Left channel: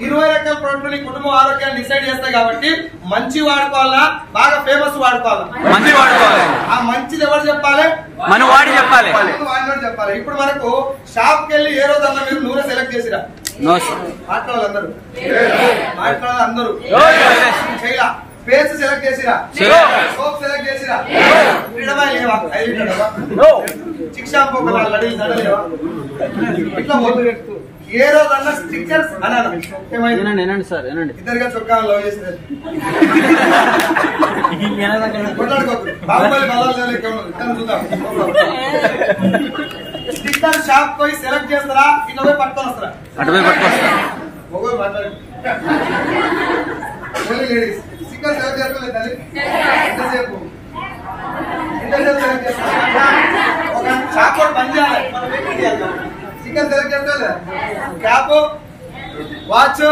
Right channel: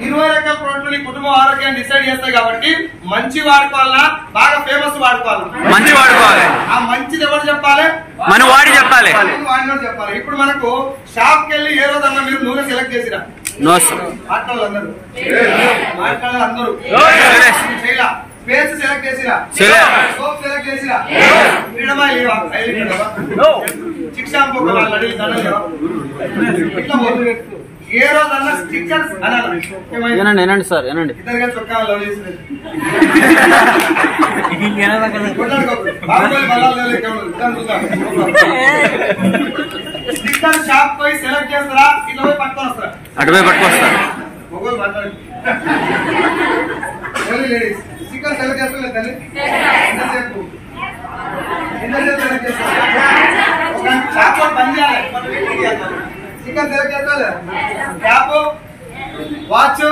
20 రకాల ప్రోడక్ట్లు నీ కుటుంబ ఆరోగ్యాన్ని డిసైడ్ చేస్తాయి కాబట్టి మంచి వాడుకోవాలా బాగా ఫేమస్ వాడుకోవాలా? మంచి వాడుకోవాలి. ఆ మంచిది ఎవరు చెప్పాలి? మన వాడు చెప్పాలి. వాడినోడు చెప్పాలి. ఇప్పుడు మనకు షాప్ కి వెళ్ళి ఏ రోజన్నా మీరు నూనె సెలెక్ట్ చేసిరా? మాట్లాడాలందరూ చేయలా. పేస్ట్ సెలెక్ట్ చేసిరా? సోప్ సెలెక్ట్ చేసిరా? చిక్ షాంపూ ఇట్లా ఏ రోజన్నా స్టిక్కర్స్ అనాలి సార్. ఇద్దరుగా చొక్కా లవ్ చేస్తారు. స్టిక్కర్ షాప్ పోయి సెలెక్ట్ చేస్తారా? ఇట్లా పోయి పట్టుకొని వస్తారా? అటు పోయి పట్టుకొస్తారు. మొగోలు మాట్లాడు. లేడీస్ స్టిక్కర్ సెలెక్ట్ చేస్తలేదు తల్లి. ఎంతసేపు సెలెక్ట్ చేస్తారు? ఒక షాప్ పని చేయాలి. స్టిక్కర్ సెలెక్ట్ చేస్తారు. క్యాప్, వాచ్,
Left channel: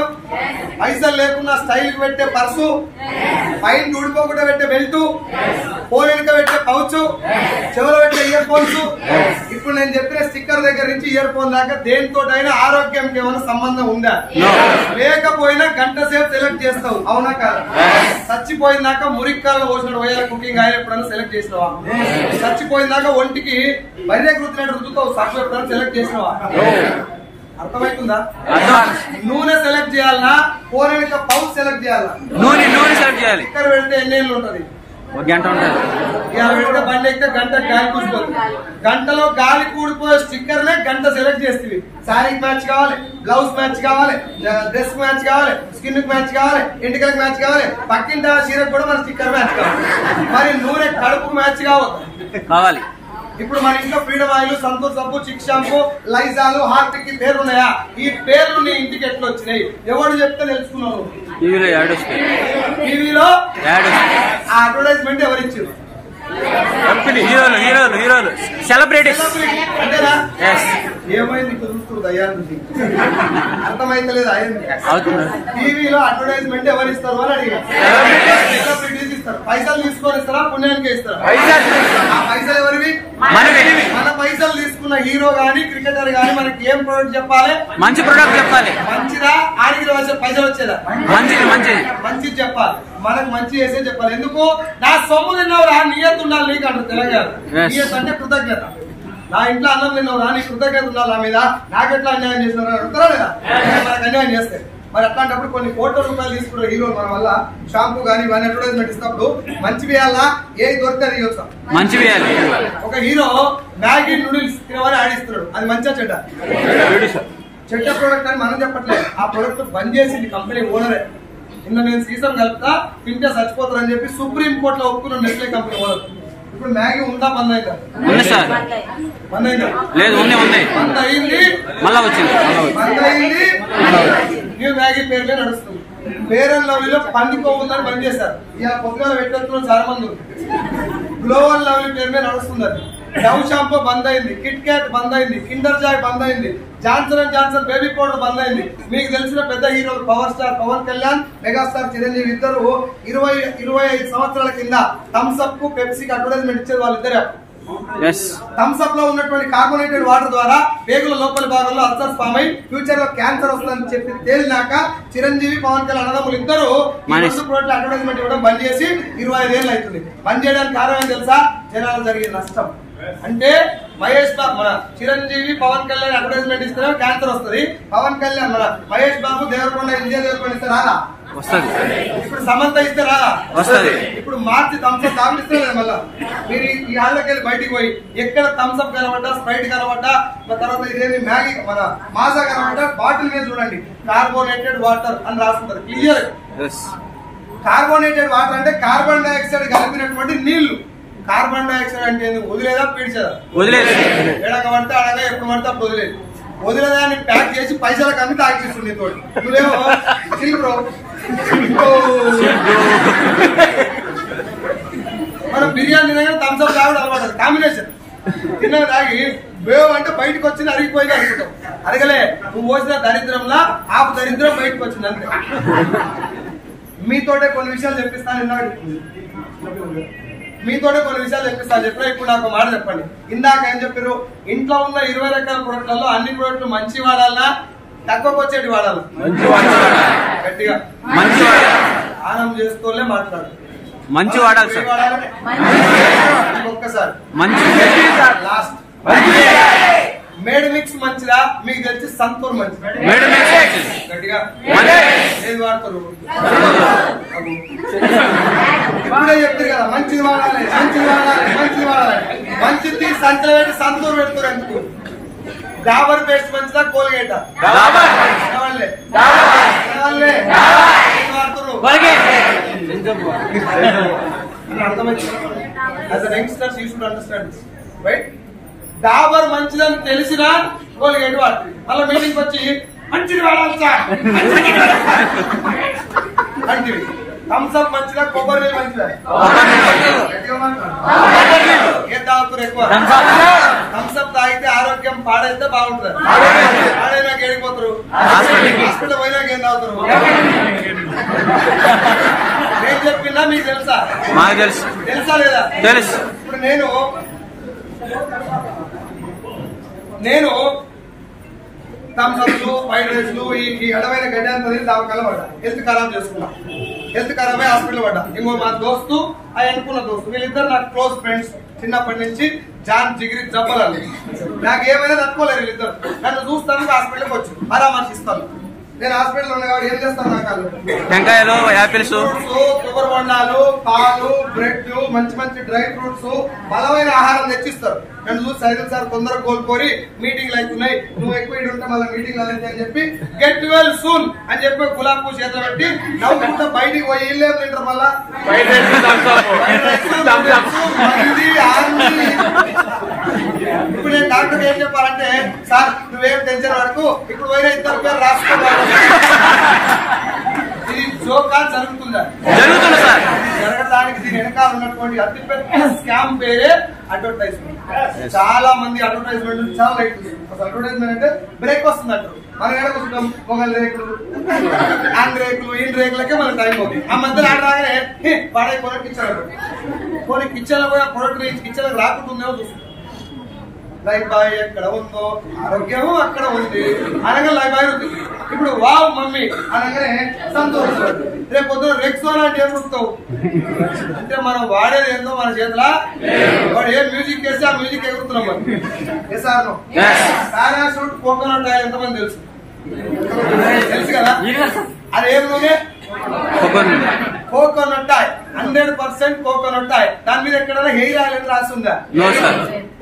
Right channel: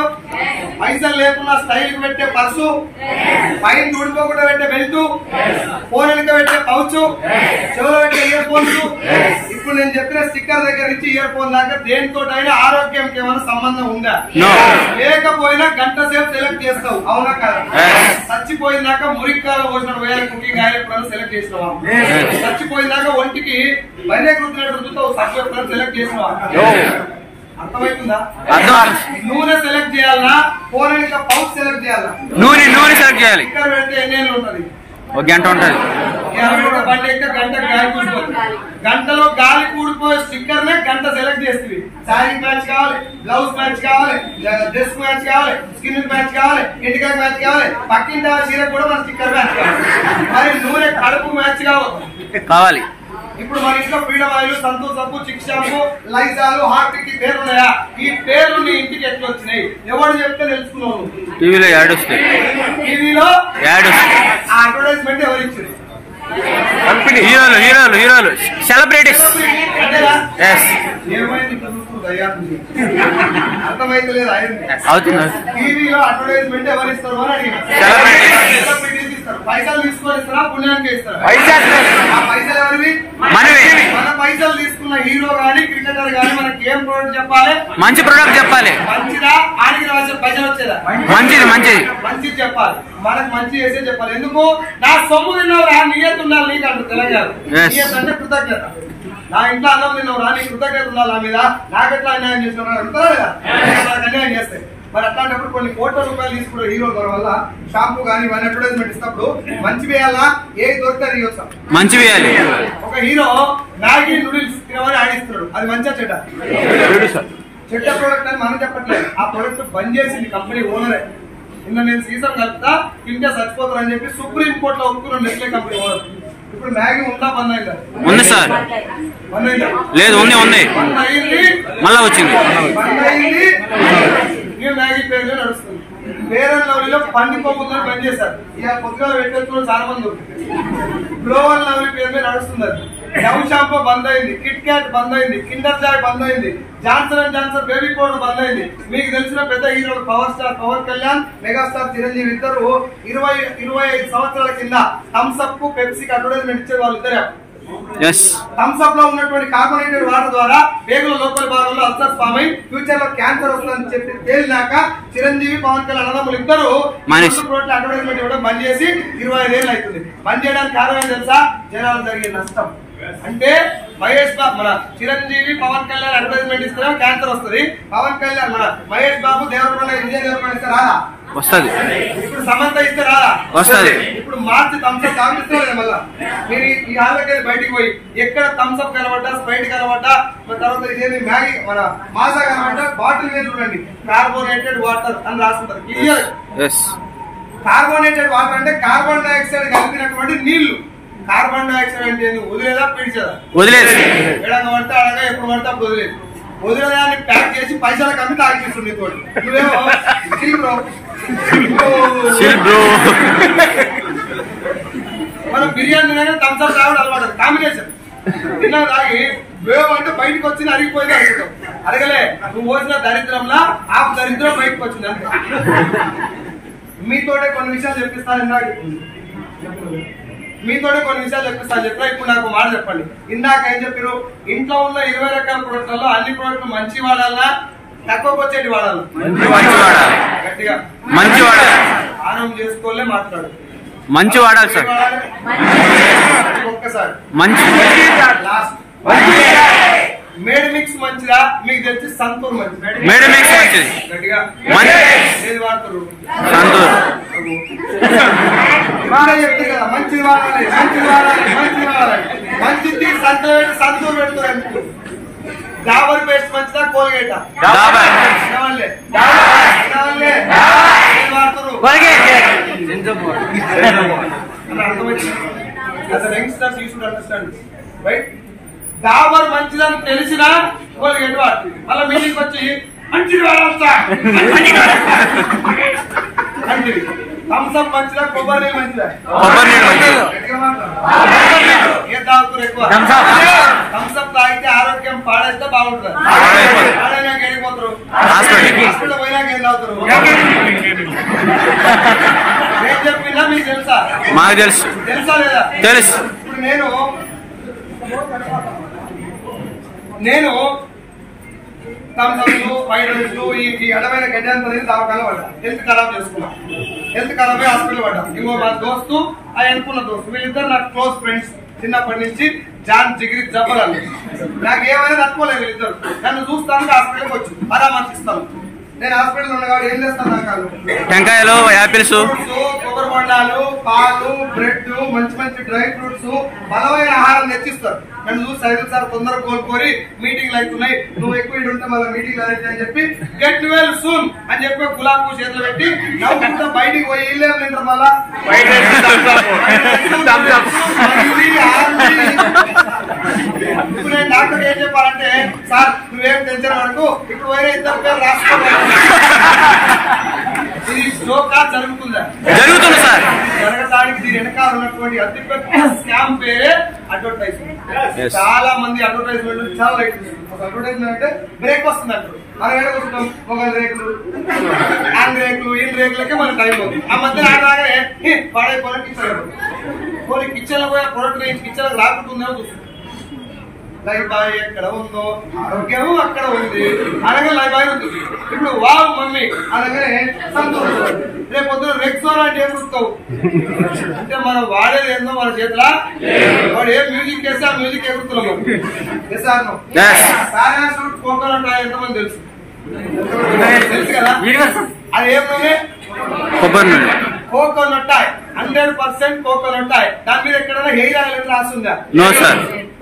పైసలు లేకుండా స్టైల్ కి పెట్టే పర్సు, పైన ఊడిపోకుండా పెట్టే బెల్ట్, ఫోన్ వెనుక పెట్టే పౌచ్, చెవులో పెట్టే ఇయర్ ఫోన్స్. ఇప్పుడు నేను చెప్పిన స్టిక్కర్ దగ్గర నుంచి ఇయర్ ఫోన్ దాకా దేనితోటైనా ఆరోగ్యంకి ఏమైనా సంబంధం ఉందా? లేకపోయినా గంట సేపు సెలెక్ట్ చేస్తావు, అవునా కాదా? చచ్చిపోయినాక మురిక్కాలు పోసిన వేల కుకింగ్ ఆయిల్ ఎప్పుడైనా సెలెక్ట్ చేసినావా? చచ్చిపోయినాక ఒంటికి బర్రె రుద్దినట్టు రుద్దుతావు, సబ్బు ఎప్పుడైనా సెలెక్ట్ చేసినావా? అర్థమవుతుందా? నూనె సెలెక్ట్ చేయాలన్నా, పోరానిక పౌచ్ సెలెక్ట్ చేయాలా? నూనె సెలెక్ట్ చేయాలి. ఇక్కడ పెడితే ఎన్నేళ్ళు ఉంటది? ఒక గంట ఉంటది. బండి ఎక్కితే గంట గాలి కూడిపోతుంది. గంటలో గాలి కూడిపోయే స్టిక్కర్ నే గంట సెలెక్ట్ చేస్తుంది. శారీ మ్యాచ్ కావాలి, బ్లౌజ్ మ్యాచ్ కావాలి, డ్రెస్ మ్యాచ్ కావాలి, స్కిన్ మ్యాచ్ కావాలి, ఇంటికాయ మ్యాచ్ కావాలి, పక్కింటి చీరకు కూడా మన స్టిక్కర్ మ్యాచ్ కావాలి. మరి నూనె కడుపు మ్యాచ్ కావాలి. ఇప్పుడు మన ఇంట్లో ఫ్రీడమ్ ఆయిల్, సంతూర్ సబ్బు, చిక్ షాంపూ, లైజాలు, హార్పిక్ పేర్లు ఉన్నాయా? ఈ పేర్లు నీ ఇంటికి ఎట్లా వచ్చినాయి? ఎవరు చెప్తే తెలుసుకున్నావు? టీవీలో యాడ్ వస్తాయి. టీవీలో యాడ్ వస్తాయి. ఆ అడ్వర్టైజ్మెంట్ ఎవరు ఇచ్చారు? హీరోలు సెలబ్రిటీస్. ఏమైంది? అర్థమైతలేదు. టీవీలో అడ్వర్టైజ్మెంట్ ఎవరు ఇస్తారు అని అడిగిన. సెలబ్రిటీస్ ఇస్తారు. పైసలు తీసుకొని ఇస్తారా, పుణ్యానికి ఇస్తారా? ఆ పైసలు ఎవరివి? మన పైసలు తీసుకున్న హీరో గాని క్రికెటర్ గాని మనకి ఏం ప్రోడక్ట్ చెప్పాలి? మంచి ప్రోడక్ట్ చెప్పాలి. మంచిదా? ఆడికి పైసలు వచ్చేదా? మంచిది చెప్పాలి. మనకు మంచి చేసే చెప్పాలి. ఎందుకు? నా సొమ్ము తిన్నావురా, నియత్ ఉండాలి నీకు అంటారు తెలంగాణ. నియత్ అంటే కృతజ్ఞత. నా ఇంట్లో అన్నం తిన్నావురా, నీ కృతజ్ఞత ఉండాలి నా మీద. నాకెట్లా అన్యాయం చేసినావు అంటారా లేదా? మనకు అన్యాయం చేస్తాయి. మరి అట్లాంటప్పుడు కొన్ని కోట్ల రూపాయలు తీసుకున్న హీరోలు మన వల్ల షాంపూ కానీ ఇవన్నీ అడ్వర్టైజ్మెంట్ ఇస్తున్నప్పుడు మంచి వేయాలా? ఏ దొరికితే ఇవ్వస్తాం. మంచి వేయాలి. ఒక హీరో మ్యాగీ నూడిల్స్ తినమని ఆడిస్తున్నాడు. అది మంచిగా చెడ్డ? చెడ్డ ప్రోడక్ట్ అని మనం చెప్పట్లేదు. ఆ ప్రోడక్ట్ బంద్ చేసింది కంపెనీ ఓనరే. నిన్న నేను సీజన్ కలుపుతా, తింటే చచ్చిపోతారని చెప్పి సుప్రీం కోర్టులో ఒప్పుకున్న నెస్లే కంపెనీ ఓనర్. ఇప్పుడు మ్యాగీ ఉందా? బంద్ అయిందా? బంద్ అయిందా? లేదు, బంద్ అయింది. మళ్ళా వచ్చింది. బంద్ అయింది. న్యూ మ్యాగీ పేరులో నడుస్తుంది. ఫేర్ అండ్ లవ్లీలో పండుకోకుందని బంద్ చేశారు. ఇక పొద్దుగా పెట్టేస్తున్న చాలా మంది. గ్లో అండ్ లవ్లీ పేరు మీద నడుస్తుంది. డవ్ షాంపూ బంద్ అయింది, కిట్ క్యాట్ బంద్ అయింది, కిండర్ జాయ్ బంద్ అయింది, Johnson and Johnson baby powder బంద్ అయింది. మీకు తెలిసిన పెద్ద హీరోలు power star Pawan Kalyan, megastar Chiranjeevi ఇద్దరు 25 సంవత్సరాల కింద థమ్స్ అప్ కు పెప్సీకి అడ్వర్టైజ్మెంట్ ఇచ్చారు. వాళ్ళిద్దరే. థమ్స్ అప్ లో ఉన్నటువంటి కార్బోనేటెడ్ వాటర్ ద్వారా పేగుల లోపలి భాగంలో అల్సర్స్ ఫామ్ అయి ఫ్యూచర్ లో క్యాన్సర్ వస్తుందని చెప్పి తేలినాక చిరంజీవి పవన్ కళ్యాణ్ అన్నదమ్ములు ఇద్దరు అడ్వర్టైజ్మెంట్ ఇవ్వడం బంద్ చేసి 25 ఏళ్ళు అవుతుంది. బంద్ చేయడానికి కారణం తెలుసా? జనాలు జరిగే నష్టం. అంటే మహేష్ బాబు మన చిరంజీవి పవన్ కళ్యాణ్ అడ్వర్టైజ్మెంట్ ఇస్తారా క్యాన్సర్ వస్తుంది. పవన్ కళ్యాణ్ మన మహేష్ బాబు దేవరకొండ విజయ్ దేవరకొండ ఇస్తారా? వస్తుంది. ఇప్పుడు సమంత ఇస్తారా? వస్తుంది. ఇప్పుడు మార్చి థమ్స్అప్ తాగిస్తారు. మళ్ళా మీరు ఈ హాల్లోకి వెళ్ళి బయటికి పోయి ఎక్కడ థమ్స్అప్ కనబడ్డా, స్ప్రైట్ కనబడ్డా, తర్వాత ఇదేమి మ్యాగీ మన మాజా కనబడ్డా బాటిల్ మీద చూడండి కార్బోనేటెడ్ వాటర్ అని రాస్తుంటారు క్లియర్. కార్బోనేటెడ్ వాటర్ అంటే కార్బన్ డైఆక్సైడ్ కలిపినటువంటి నీళ్లు. కార్బన్ డైఆక్సైడ్ అంటే వదిలేదా పీడ్చేదా? వదిలేదు. ఎడగ పడితే అడగ, ఎప్పుడు పడితే అప్పుడు వదిలేదు. వదిలేదాన్ని ప్యాక్ చేసి పైసలకు అమ్మి తాగిస్తుంది. నువ్వేమో బ్రో మనం బిర్యానీ తినగానే థమ్స్అప్ తాగడం అలవాటు. కాంబినేషన్ తిన్నా తాగి వేవ్ అంటే బయటకు వచ్చింది, అరిగిపోయింది అనుకుంటాం. అరగలే, నువ్వు పోసిన దరిద్రంలా ఆ దరిద్రం బయటకు వచ్చింది అంతే. మీతోటే కొన్ని విషయాలు చెప్పిస్తాను. మీతోనే కొన్ని విషయాలు చెప్పిస్తాను. చెప్పినా ఇప్పుడు నాకు మాట చెప్పండి. ఇందాక ఏం చెప్పారు? ఇంట్లో ఉన్న 20 రకాల ప్రొడక్ట్లలో అన్ని ప్రొడక్ట్లు మంచి వాడాలన్నా తక్కువకి వచ్చేటి వాడాలి, గట్టిగా ఆనం చేసుకోలే మాట్లాడు, మంచి వాడాలి సార్, ఒక్కసారి మంచి లాస్ట్. మేడ్ మిక్స్ మంచిదా మీకు తెలిసి సంతూర్ మంచిది, మేడ్ మిక్స్ గట్టిగా ఏది వాడతారు ఇప్పుడే చెప్తారు కదా మంచిది వాడాలి మంచిది వాడాలి మంచిది వాడాలి, మంచిది సంతలో పెట్టి సంతూర్ పెడతారు ఎందుకు? డాబర్ పేస్ట్ మంచిదా కోల్గేటా? డాబర్ మంచిదని తెలిసినా కోల్గేట్ వాడుతుంది, మళ్ళీ మీటింగ్ వచ్చి మంచిది వాడాలి సార్ మంచిది. థమ్స్అప్ మంచిదా కొబ్బరి మంచిదా? ఏ తాగుతారు ఎక్కువ? థమ్స్అప్ తాగితే ఆరోగ్యం పాడైతే బాగుంటుంది, పాడైనాక వెళ్ళిపోతారు, హాస్పిటల్ పోయినాక ఏం తాగుతారు? నేను చెప్పిందా మీకు తెలుసా? మాకు తెలుసు. తెలుసా లేదా? తెలుసు. ఇప్పుడు నేను థమ్స్అప్ వైట్ రైస్ ఈ అడమైన గడ్డ అంతా దావకాలు పడ్డా, హెల్త్ ఖరాబ్ చేసుకున్నా, హెల్త్ ఖరాబ్ అయ్యి హాస్పిటల్ పడ్డా. ఇంకో మా దోస్తు అది అనుకున్న దోస్తు, వీళ్ళిద్దరు నాకు క్లోజ్ ఫ్రెండ్స్ చిన్నప్పటి నుంచి, జాన్ జిగిరి జబ్బలాలు. నాకు ఏమైనా తట్టుకోలేదు వీళ్ళిద్దరు, నన్ను చూస్తాను హాస్పిటల్కి వచ్చి పరామర్శిస్తాను. నేను హాస్పిటల్ ఉన్నా కాబట్టి ఏం చేస్తాను? నాకు టెంకాయలు, యాపిల్స్, కొబ్బరి బొండాలు, పాలు, బ్రెడ్, మంచి మంచి డ్రై ఫ్రూట్స్, బలమైన ఆహారం తెచ్చిస్తారు. నన్ను చూసి సైదుల్ సార్ తొందరగా కోలుకోరి మీటింగ్లు అవుతున్నాయి, నువ్వు ఎక్కువ ఇటు ఉంటే మళ్ళీ మీటింగ్లు అయితే అని చెప్పి గెట్ వెల్ సూన్ అని చెప్పి గులాబ్ చేతులు పెట్టి నవ్వుకుంటా బయటికి పోయి ఇల్లేం తింటారు. మళ్ళా ఇప్పుడు నేను డాక్టర్ ఏం చెప్పాలంటే, సార్ నువ్వేం టెన్షన్ వరకు ఇప్పుడు పోయిన ఇద్దరు పేరు రాసుకోవాలి. ఇది జోకా జరుగుతుందా? జరుగుతుంది సార్. జరగడానికి దీని వెనకాల ఉన్నటువంటి అతిపెద్ద స్కామ్ పేరే అడ్వర్టైజ్మెంట్. చాలా మంది అడ్వర్టైజ్మెంట్ చాలా లైట్ ఒక అడ్వర్టైజ్మెంట్ అంటే బ్రేక్ వస్తుంది అంటారు, మన ఎక్కడ వస్తుంటాం మొగల్ రేకులు, హ్యాండ్ రేకులు, ఇన్ రేకులకే మనకు టైం అవుతుంది. ఆ మధ్య ఆడగానే పాడైపోయిన కిచెన్ కొన్ని కిచెన్ లో పోయి ప్రొడక్ట్ కిచెన్ రాకుంటుందేమో చూస్తుంది. లైఫ్ బాయ్ ఎక్కడ ఉందో ఆరోగ్యము అక్కడ ఉంది అనగా లైఫ్ బాయ్ ఉంది. ఇప్పుడు వావ్ మమ్మీ అనగానే సంతోషం. రేపు పొద్దున రెక్సోనా అంటే ఏం చూస్తావు అంటే మనం వాడేది ఏందో మన చేతిలో, వాడు ఏ మ్యూజిక్ వేస్తే ఆ మ్యూజిక్ ఎగురుతున్నాం మనం. ఎసాను పారాషూట్ కోకోనట్ ఆయిల్ ఎంతమంది తెలుసు? తెలుసు కదా. అది ఏం నూనె? Coconut oil, 100% coconut oil. దాని మీద ఎక్కడైనా హెయిర్ ఆయిల్ అని రాస్తుందా?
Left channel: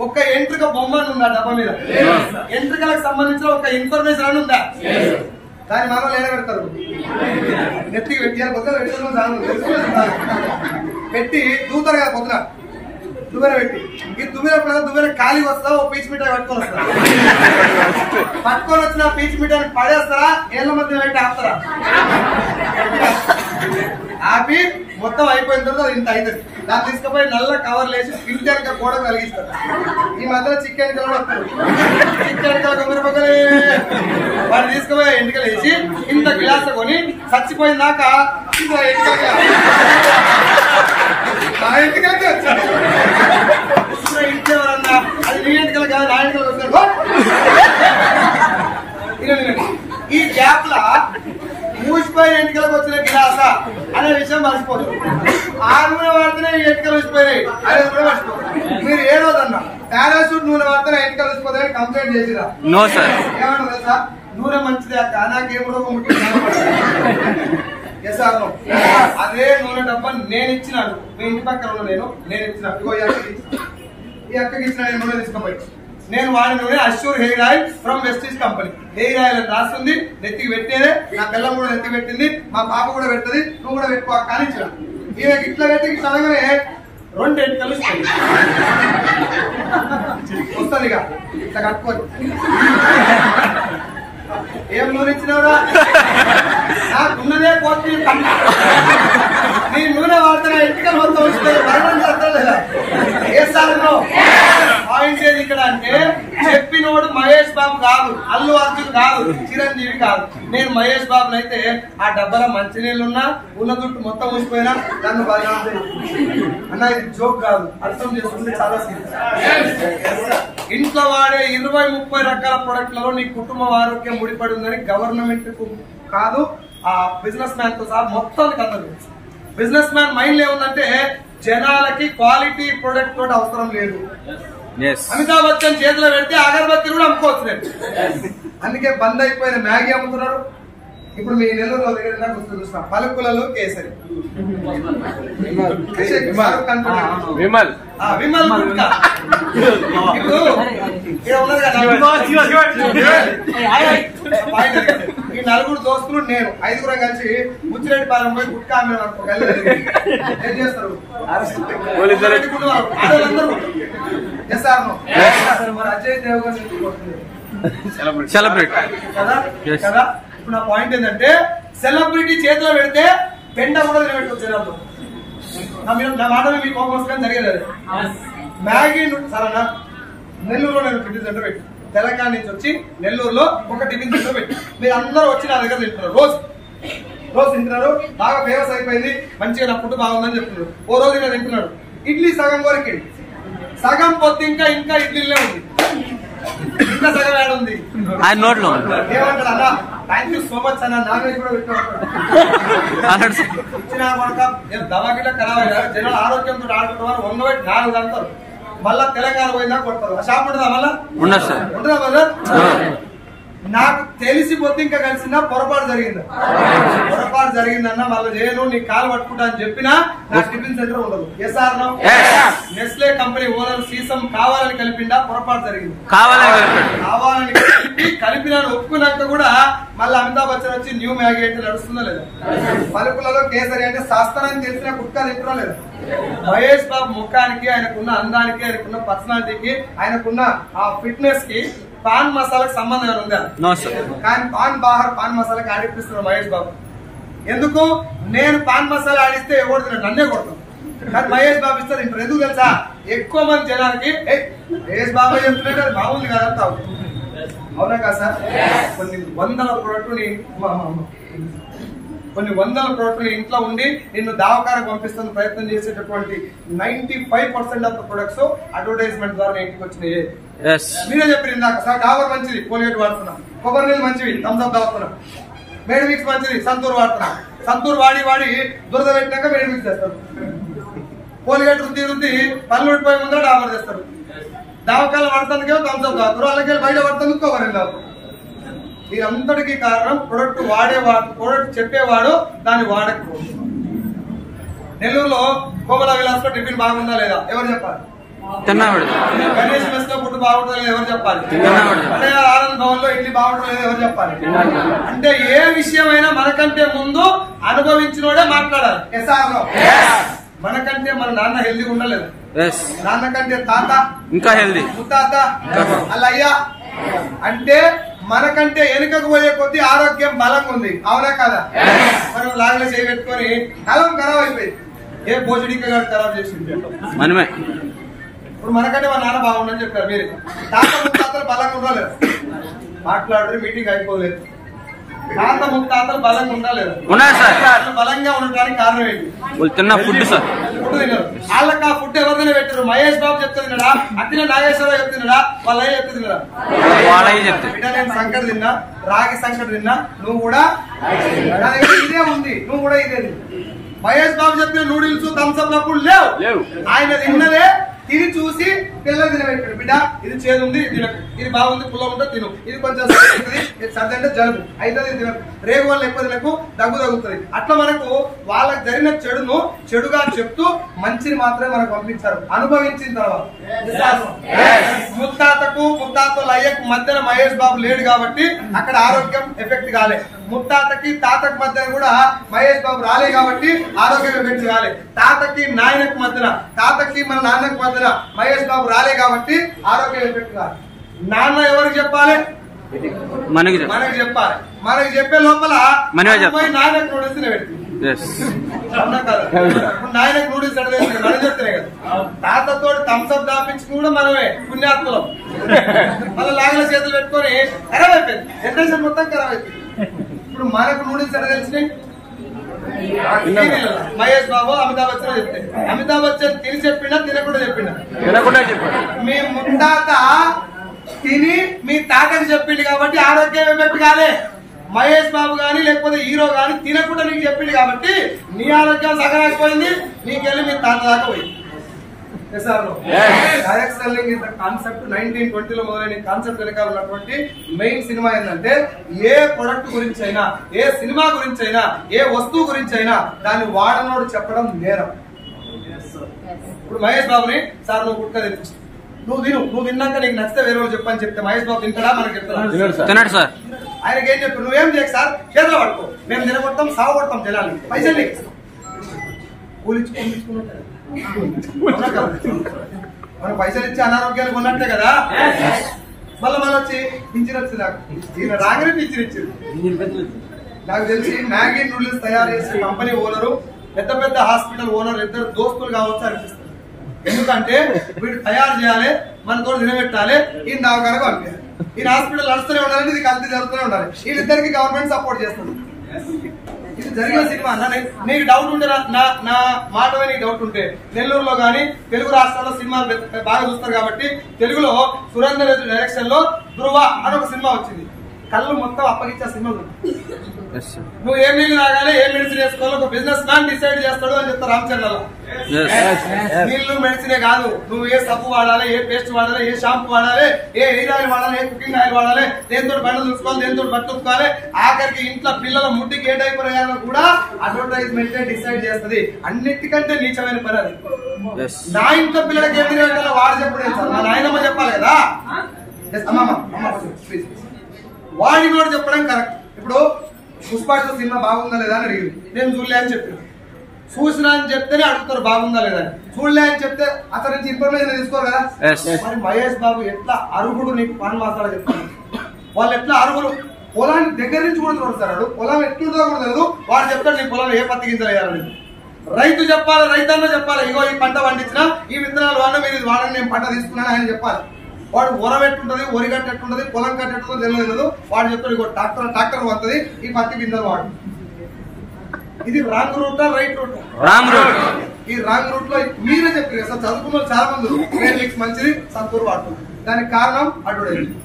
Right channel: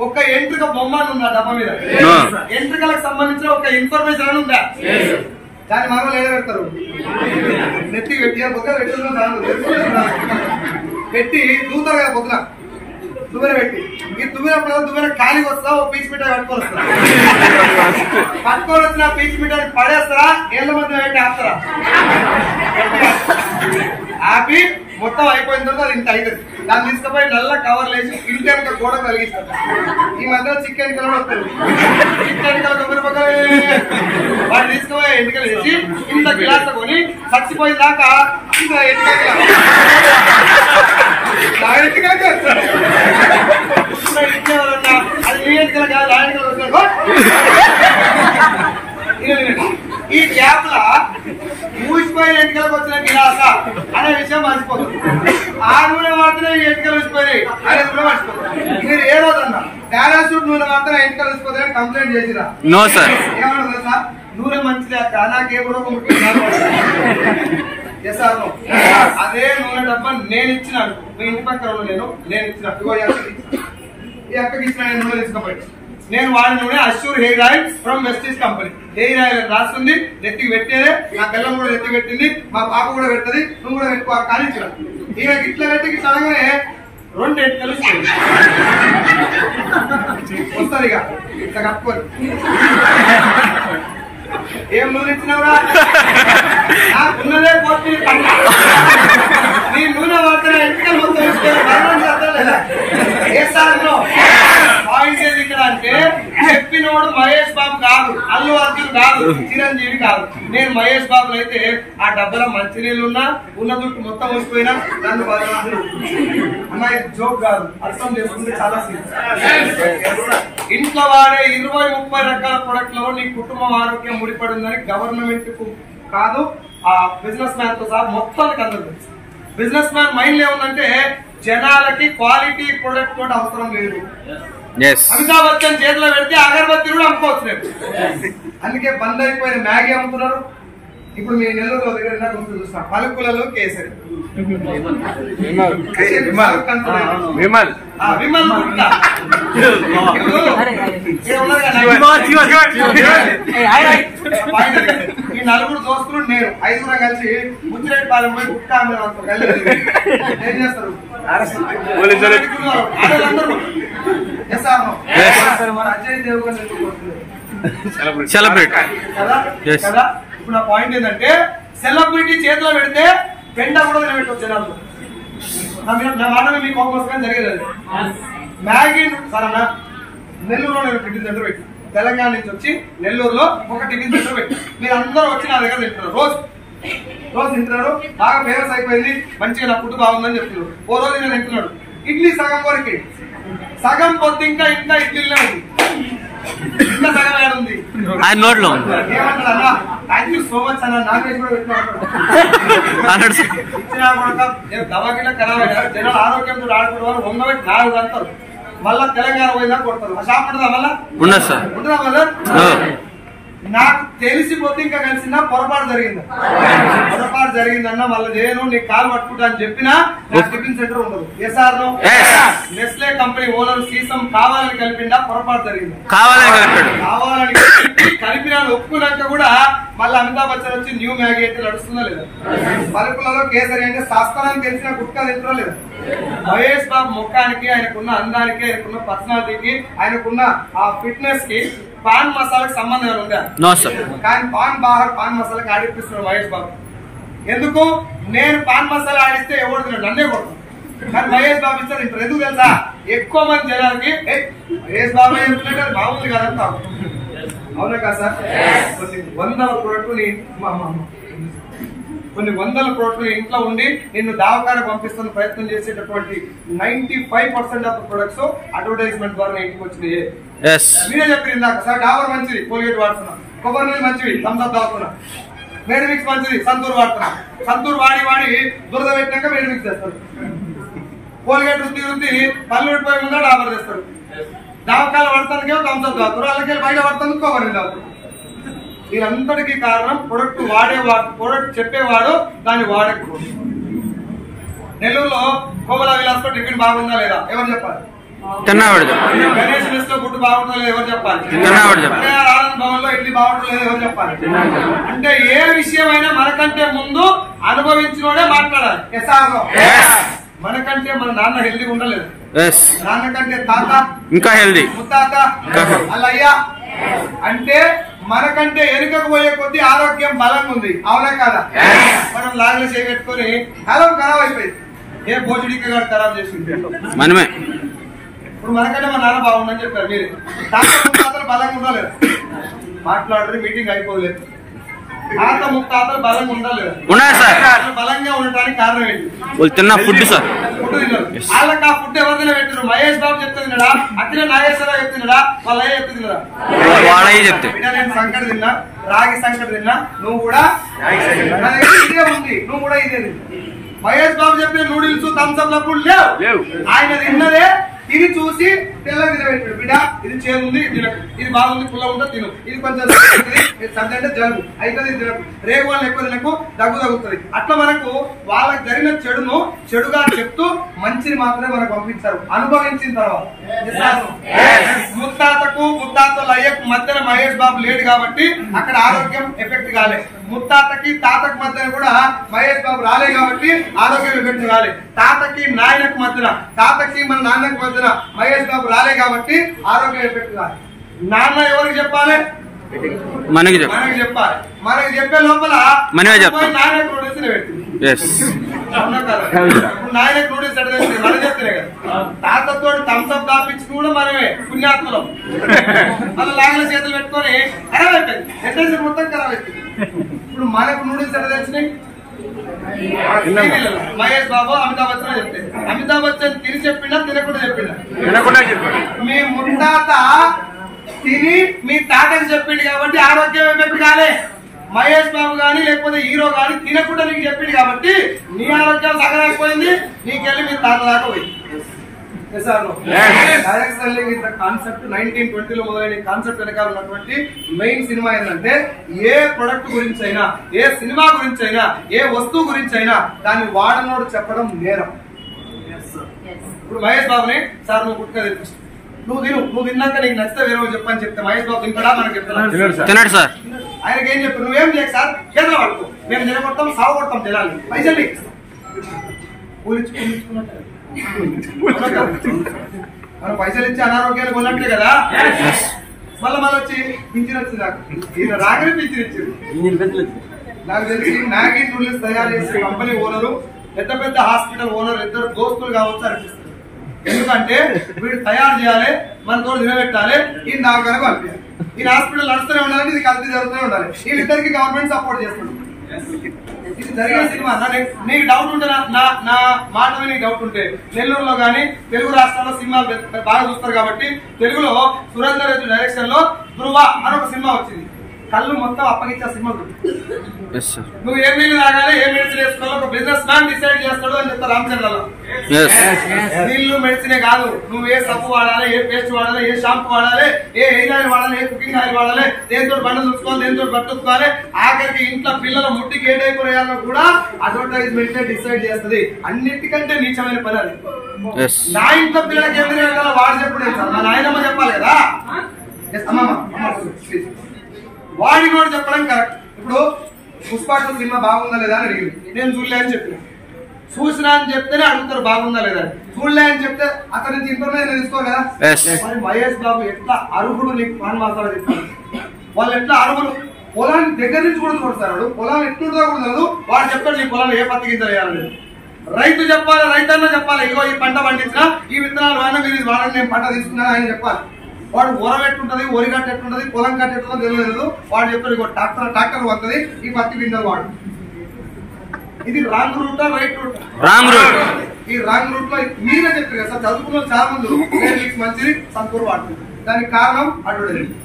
ఒక ఎంట్రిక బొమ్మ ఉందా డబ్బా మీద? ఎంట్రికలకు సంబంధించిన ఒక ఇన్ఫర్మేషన్ అని ఉందా? దాన్ని మామూలు ఏడ పెడతారు, నెత్తికి పెట్టి పెట్టి దూతారు కదా పొద్దున, దువ్వెన పెట్టి ఈ దువ్వెనప్పుడు దువ్వెన ఖాళీకి వస్తా ఓ పీచు మిఠాయి పట్టుకొని వస్తారు. పట్టుకొని వచ్చిన పీచు మిఠాయిని పడేస్తారా ఏళ్ళ మధ్య పెట్టి ఆపుతారా? ఆపి మొత్తం అయిపోయిన తర్వాత అది ఇంత అవుతుంది. దాన్ని తీసుకుపోయి నల్ల కవర్ లేచి ఇంటి వెనక గోడ కలిగిస్తారు. ఈ మధ్యలో చికెన్ కలర్ వస్తారు, చికెన్ కలర్ వాడిని తీసుకుపోయి ఎంటికలు వేసి ఇంత గ్లాస్ కొని చచ్చిపోయిన దాకా ఇంత ఎంటికలకి వచ్చాడు. ఇచ్చేవారన్నా అది నీ ఎంటికలు కాదు, నా ఎంటికలు వచ్చాడు. ఈ గ్యాప్ లా ఊసిపోయిన ఎంటికలకు వచ్చిన గిలాస అనే విషయం మర్చిపోతుంది. ఆ నూనె వాడితేనే ఎంటికలు ఊసిపోయినాయి అనేది కూడా మర్చిపోతుంది. మీరు ఏ రోజన్నా పారాషూట్ నూనె వాడితే ఎంటికలు ఊసిపోతాయని కంప్లైంట్ చేసిరా? No sir. ఏమన్నా తెలుసా? నూనె మంచిదే అక్క, నాకేం రోగం ఎసాను అదే నూనె డబ్బా నేను ఇచ్చినాను, మీ ఇంటి పక్కన నేను ఇచ్చిన ఈ అక్కకి ఇచ్చిన నూనె తీసుకుపోయి నేను వాడిన నూనె assure hair oil from Vestige company. Hair oil అని రాస్తుంది, నెత్తికి పెట్టేదే, నా పిల్లం కూడా నెత్తికి పెట్టింది, మా పాప కూడా పెడుతుంది, నువ్వు కూడా పెట్టుకో కానిచ్చిన. ఈమెకి ఇట్లా పెట్టి ఇట్లా అనగానే 2 ఎంటికలు వస్తుంది ఇక ఇట్లా కట్టుకొని. ఏం నూనె ఇచ్చినవరా? ఉన్నదే పోటీ నీ నూనె వాడితే ఎంటికలు మొత్తం ఏ సార్ పాయింట్ ఏది ఇక్కడ అంటే చెప్పినోడు మహేష్ బాబు కాదు, అల్లు అర్జున్ కాదు, చిరంజీవి కాదు. నేను మహేష్ బాబు అయితే ఆ డబ్బల మంచినీళ్ళు ఉన్నా ఉన్న దుట్టు మొత్తం ఊసిపోయినా నన్ను అన్న ఇది జోక్ కాదు, అర్థం చేసుకుంటే చాలా ఇంట్లో వాడే 20-30 రకాల ప్రొడక్ట్లలో నీ కుటుంబం ఆరోగ్యం ముడిపడి ఉందని గవర్నమెంట్ కు కాదు ఆ బిజినెస్ మ్యాన్ తో సహా మొత్తానికి అందరూ తెలుసు. బిజినెస్ మ్యాన్ మైండ్ ఏముందంటే జనాలకి క్వాలిటీ ప్రొడక్ట్ తోటి అవసరం లేదు. అమితాబ్ బచ్చన్ చేతిలో పెడితే అగరబత్తి కూడా అమ్ముకోవచ్చు లేదు. అందుకే బంద్ అయిపోయిన మ్యాగీ అమ్ముతున్నారు. ఇప్పుడు మీ నెల్లూరులో దగ్గర చూస్తున్నా పలుకులలో కేసరి విమల్ ఇప్పుడు ఈ 4 దోస్తులు నేను 5 కలిసి ముచ్చిరెడ్డి పాలెం పోయి గుట్కా ఏం చేస్తారు? అజయ్ దేవగన్ సెలబ్రేట్ కదా. ఇప్పుడు నా పాయింట్ ఏంటంటే సెలబ్రిటీ చేతిలో పెడితే పెంట కూడా తినబెట్టవచ్చు జనాలు. నా మాట మీకు కోపం జరిగేది అది. మ్యాగీ సరేనా నెల్లూరులో నేను టిఫిన్ సెంటర్ పెట్టి తెలంగాణ నుంచి వచ్చి నెల్లూరులో ఒక టిఫిన్ సెంటర్ పెట్టి మీరు అందరూ వచ్చి నా దగ్గర తింటున్నారు. రోజు తింటున్నారు, బాగా ఫేమస్ అయిపోయింది, మంచిగా నా ఫుడ్ బాగుందని చెప్తున్నారు. ఓ రోజు నేను తింటున్నాడు ఇడ్లీ సగం వరకు, సగం పొద్దు ఇంకా ఇడ్లీలే ఉంది, ఇంకా సగం యాడ్ ఉంది ఆయన నోట్లో. ఏమంటారు అన్న థ్యాంక్ యూ సో మచ్ అన్న, నాగేష్ కూడా ఇచ్చిన దవాకిలో ఖరాబ్ జనాలు ఆరోగ్యంతో ఆడుకుంటారు 104 అంటారు. మళ్ళా తెలంగాణ పోయిందా కొడతారు. ఆ షాప్ ఉంటుందా మళ్ళా? ఉంటుందా బ్రదర్? నాకు తెలిసిపోతే ఇంకా కలిసిందా పొరపాటు జరిగిందన్న మళ్ళీ చేయను, నీ కాలు పట్టుకుంటా అని చెప్పినా నాకు టిఫిన్ సెంటర్ ఉండదు. Yes or no? Nestle company owner సీసం కావాలని కలిపిందా? పొరపాటు జరిగింది. కావాలని కలిపినా ఒప్పుకున్నాక కూడా మళ్ళీ అమితాబ్ బచ్చన్ వచ్చి న్యూ మ్యాగీ అంటే నడుస్తుందా లేదా? పలుకులలో కేసరి అంటే శాస్త్రానికి తెలిసిన గుట్కా తింటున్నా లేదా? మహేష్ బాబు ముఖానికి, ఆయనకున్న అందానికి, ఆయనకున్న పర్సనాలిటీకి, ఆయనకున్న ఆ ఫిట్నెస్ కి పాన్ మసాలాకి సంబంధం ఏమైనా ఉందా? కానీ పాన్ మసాలాకి ఆడిపిస్తున్నారు మహేష్ బాబు. ఎందుకు? నేను పాన్ మసాలా ఆడిస్తే ఎవరు తిన్నాడు? నన్నే కొడతాను. కానీ మహేష్ బాబు ఇస్తే తింటారు. ఎందుకు తెలుసా? ఎక్కువ మంది జనాలకి మహేష్ బాబు చెప్తున్నట్టు అది బాగుంది కదంతా. అవునా కాదు సార్? కొన్ని వందల ప్రోడక్ట్లు ఇంట్లో ఉండి నిన్ను దావకారకు పంపిస్తున్న ప్రయత్నం చేసేటటువంటి 95% ఆఫ్ ప్రొడక్ట్స్ అడ్వర్టైజ్మెంట్ ద్వారా ఇంటికి వచ్చినాయి. మీరే చెప్పారు ఇందాక సార్ డాబర్ మంచిది, కోల్గేట్ వాడుతున్నా, కొబ్బరి నీళ్ళు మంచివి, థమ్స్అప్ తాగుతున్నా, మేడ్ మిక్స్ మంచిది, సంతూర్ వాడుతున్నా. సంతూర్ వాడి దురద పెట్టినాక మేడ్ మిక్స్ చేస్తారు. కోల్గేట్ రుద్ది పళ్ళు ఊడిపోయి ముందా డాబర్ చేస్తారు. దావకాలు పడతానికేమో థమ్స్అప్ తాగుతారు, అలాగే బయట పడతాను కొబ్బరి నీళ్ళు తాగుతారు. దీనంతటికీ కారణం ప్రొడక్ట్ ప్రొడక్ట్ చెప్పేవాడు దాన్ని వాడకపోదు. నెల్లూరులో కోమల విలాస్ లో టిఫిన్ బాగుందా లేదా ఎవరు చెప్పాలి? గణేష్ మెస్ లో ఫుడ్ బాగుంటుందా లేదా ఎవరు చెప్పాలి? ఆనంద్ భవన్ లో ఇడ్లీ బాగుంటుందా లేదా ఎవరు చెప్పాలి? అంటే ఏ విషయమైనా మనకంటే ముందు అనుభవించినోడే మాట్లాడాలి. ఎస్ఆర్ లో మనకంటే మన నాన్న హెల్దీగా ఉండలేదు, నాన్న కంటే తాత ఇంకా హెల్దీ, ముత్తాత అల్లయ్యా అంటే మనకంటే వెనుకకు పోయే కొద్దీ ఆరోగ్యం బలంగా ఉంది. అవునా కాదా? మనం లాగ్లో చేయబెట్టుకొని కలం ఖరాబ్ అయిపోయింది. ఏ భోజడికి ఖరాబ్ చేసింది మనమే. ఇప్పుడు మనకంటే మా నాన్న బాగుందని చెప్పారు. మీరు తాతలు బలంగా ఉండలేదు, మాట్లాడరు, మీటింగ్ అయిపోలేదు. తాత ముత్తాతలు బలంగా ఉండలేదు, బలంగా ఉండటానికి కారణం ఏంటి? ఫుడ్ తిన్నారు. వాళ్ళకి ఆ ఫుడ్ ఎవరిదైనా పెట్టారు. మహేష్ బాబు చెప్తే తిన్నాడా? అట్లా నాగేశ్వరరావు చెప్తే తిన్నాడా? వాళ్ళ అయ్య చెప్తే తిన్నాడా? నేను సంకట తిన్నా, రాగి సంకట తిన్నా, నువ్వు కూడా ఇదే ఉంది, నువ్వు కూడా ఇదే. మహేష్ బాబు చెప్పిన నూడిల్స్ థమ్స్అప్ లప్పుడు లేవు. ఆయన తిన్నదే తిని చూసి తెల్ల తినబెట్టాడు. బిడ్డ ఇది చేదుంది తినకు, ఇది బాగుంది పుల్ల ఉంటే తిను, ఇది కొంచెం సర్ది అంటే జలుబు అయితే తినకు, రేగు వాళ్ళు ఎక్కువ తినకు, దగ్గు తగ్గుతుంది. అట్లా మనకు వాళ్ళకి జరిగిన చెడును చెడుగా చెప్తూ మంచిని మాత్రమే మనకు పంపించారు. అనుభవించిన తర్వాత ముత్తాతల అయ్యకు మధ్యన మహేష్ బాబు లేడు కాబట్టి అక్కడ ఆరోగ్యం ఎఫెక్ట్ కాలే. ముత్తాతకి తాతకు మధ్యన కూడా మహేష్ బాబు రాలే కాబట్టి ఆరోగ్యం ఎఫెక్ట్ కాలే. తాతకి నాయనకు మధ్యన, తాతకి మన నాన్నకు మధ్యన మహేష్ బాబు రాలే కాబట్టి ఆరోగ్యం ఎఫెక్ట్ కాదు. నాన్న ఎవరికి చెప్పాలి? మనకి చెప్పాలి. మనకి చెప్పే లోపల నాన్న ప్రొడక్షన్ పెట్టి నాయనకు నూడిల్స్ ఎట్లా తెలుసు మనం చెప్తేనే కదా. తాతతో థమ్స్అప్ దాపించుకుని కూడా మనమే పుణ్యాత్మలం. మళ్ళీ లాగిన చేతులు పెట్టుకొని ఖరాబ్ అయిపోయింది, జనరేషన్ మొత్తం ఖరాబ్ అయిపోయింది. ఇప్పుడు మనకు నూడిల్స్ ఎట్లా తెలిసినాయి? మహేష్ బాబు అమితాబ్ బచ్చన్ చెప్తే అమితాబ్ బచ్చన్ తిని చెప్పినా తినకుండా చెప్పినా మీ ముత్తాత తిని మీ తాతని చెప్పిండు కాబట్టి ఆరోగ్యం ఎఫెక్ట్ కాలే. మహేష్ బాబు గాని లేకపోతే హీరో గాని తినకుండా నీకు చెప్పిండు కాబట్టి నీ ఆరోగ్యం సగరాకపోయింది, నీకెళ్ళి మీ తాత దాకా పోయింది. కాన్సెప్ట్ 1920 లో మొదలైన కాన్సెప్ట్ వెనకాల ఉన్నటువంటి మెయిన్ సినిమా ఏంటంటే ఏ ప్రొడక్ట్ గురించి అయినా, ఏ సినిమా గురించి అయినా, ఏ వస్తువు గురించి అయినా దాన్ని వాడనోడు చెప్పడం నేరం. ఇప్పుడు మహేష్ బాబుని సార్ నువ్వు గుట్కా తెప్పిస్తావు, నువ్వు తిన్నాక నీకు నచ్చితే వేరే వాళ్ళు చెప్పని చెప్తే మహేష్ బాబు తింటాడా? మనకు చెప్తాడు సార్. ఆయనకి ఏం చెప్పి నువ్వేం చేయకు సార్, చేతులు పడుకో, మేము తినగొడతాం, సాగు కొడతాం, జనాలు పైసలు మనం పైసలు ఇచ్చి అనారోగ్యాలు కొన్నట్లే కదా. మళ్ళీ వచ్చి పింఛన్ వచ్చింది నాకు, ఈయన రాగానే పింఛన్ ఇచ్చింది. నాకు తెలిసి మ్యాగీ నూడిల్స్ తయారు చేసే కంపెనీ ఓనరు, పెద్ద పెద్ద హాస్పిటల్ ఓనర్ ఇద్దరు దోస్తులు కావచ్చు అనిపిస్తుంది. ఎందుకంటే వీడు తయారు చేయాలి, మనతో నిలబెట్టాలి, ఈయన దావగానే పంపించాలి. ఈయన హాస్పిటల్ నడుస్తూనే ఉండాలి, ఇది కలిసి జరుగుతూనే ఉండాలి. వీళ్ళిద్దరికి గవర్నమెంట్ సపోర్ట్ చేస్తుంది. ఇది జరిగే సినిమా. నీకు డౌట్ ఉంటే నా మాట నీకు డౌట్ ఉంటే నెల్లూరులో గానీ తెలుగు రాష్ట్రాల్లో సినిమాలు బాగా చూస్తారు కాబట్టి తెలుగులో సురేందర్ రెడ్డి డైరెక్షన్ లో ధృవ అని ఒక సినిమా వచ్చింది. కళ్ళు మొత్తం అప్పగించే సినిమా. నువ్వు ఏ నీళ్ళు తాగాలి, ఏ మెడిసిన్ వేసుకోవాలో ఒక బిజినెస్ మ్యాన్ డిసైడ్ చేస్తాడు అని చెప్తారు రామచంద్రలో. నీళ్లు మెడిసినే కాదు, నువ్వు ఏ సబ్బు వాడాలి, ఏ పేస్ట్ వాడాలి, ఏ షాంపూ వాడాలి, ఏ హెయిర్ ఆయిల్ వాడాలి, ఏ కుకింగ్ ఆయిల్ వాడాలి, దేనితో బండ్లు చూసుకోవాలి, దేనితో పట్టుకోవాలి, ఆఖరికి ఇంట్లో పిల్లల ముట్టికి ఏ టైపు వేయాలో కూడా అడ్వర్టైజ్మెంట్ డిసైడ్ చేస్తుంది. అన్నిటికంటే నీచమైన పని అది. నా ఇంట్లో పిల్లలకి ఏమి వేయాలో వాడు చెప్పలేదు సార్, మా నాయనమ్మ చెప్పాలి కదా. వాడిని కూడా చెప్పడం కరెక్ట్. ఇప్పుడు పుష్పాటు సినిమా బాగుందా లేదా అని అడిగింది, నేను చూడలే అని చెప్పిన. చూసినా అని చెప్తేనే అడుగుతారు బాగుందా లేదా. చూడలే అని చెప్తే అతని నుంచి ఇన్ఫర్మేషన్ తీసుకోరు కదా. మరి మహేష్ బాబు ఎట్లా అరుగుడు నీకు పాన్ మాసాలు చెప్తారు. వాళ్ళు ఎట్లా అరుగులు పొలాన్ని దగ్గర నుంచి కూడా చూడతారు. పొలం ఎట్లుంటుందో కూడా తెలియదు. వాడు చెప్తాడు నీ పొలాన్ని ఏ పత్తి గింజలు వేయాలని. రైతు చెప్పాలి, రైతన్న చెప్పాలి, ఇగో ఈ పంట పండించినా ఈ విత్తనాలు వాడినా మీరు ఇది వాడని, నేను పంట తీసుకున్నాను ఆయన చెప్పాలి. వాడు ఒరగట్టుంటది, ఒరి కట్టెట్టుంటది, పొలం కట్టెట్టుందో తెలియదు. వాడు చెప్తాడు ఇగో ట్రాక్టర్ వస్తుంది, ఈ పత్తి గింజలు వాడు. ఇది wrong route, right route? Wrong route. ఈ రాంగ్ రూట్ లో మీరే చెప్పారు కదా సార్, చదువుకున్న చాలా మంది మంచిది సంతూరు వాడుతుంది. దానికి కారణం అడ్వర్టైజింగ్.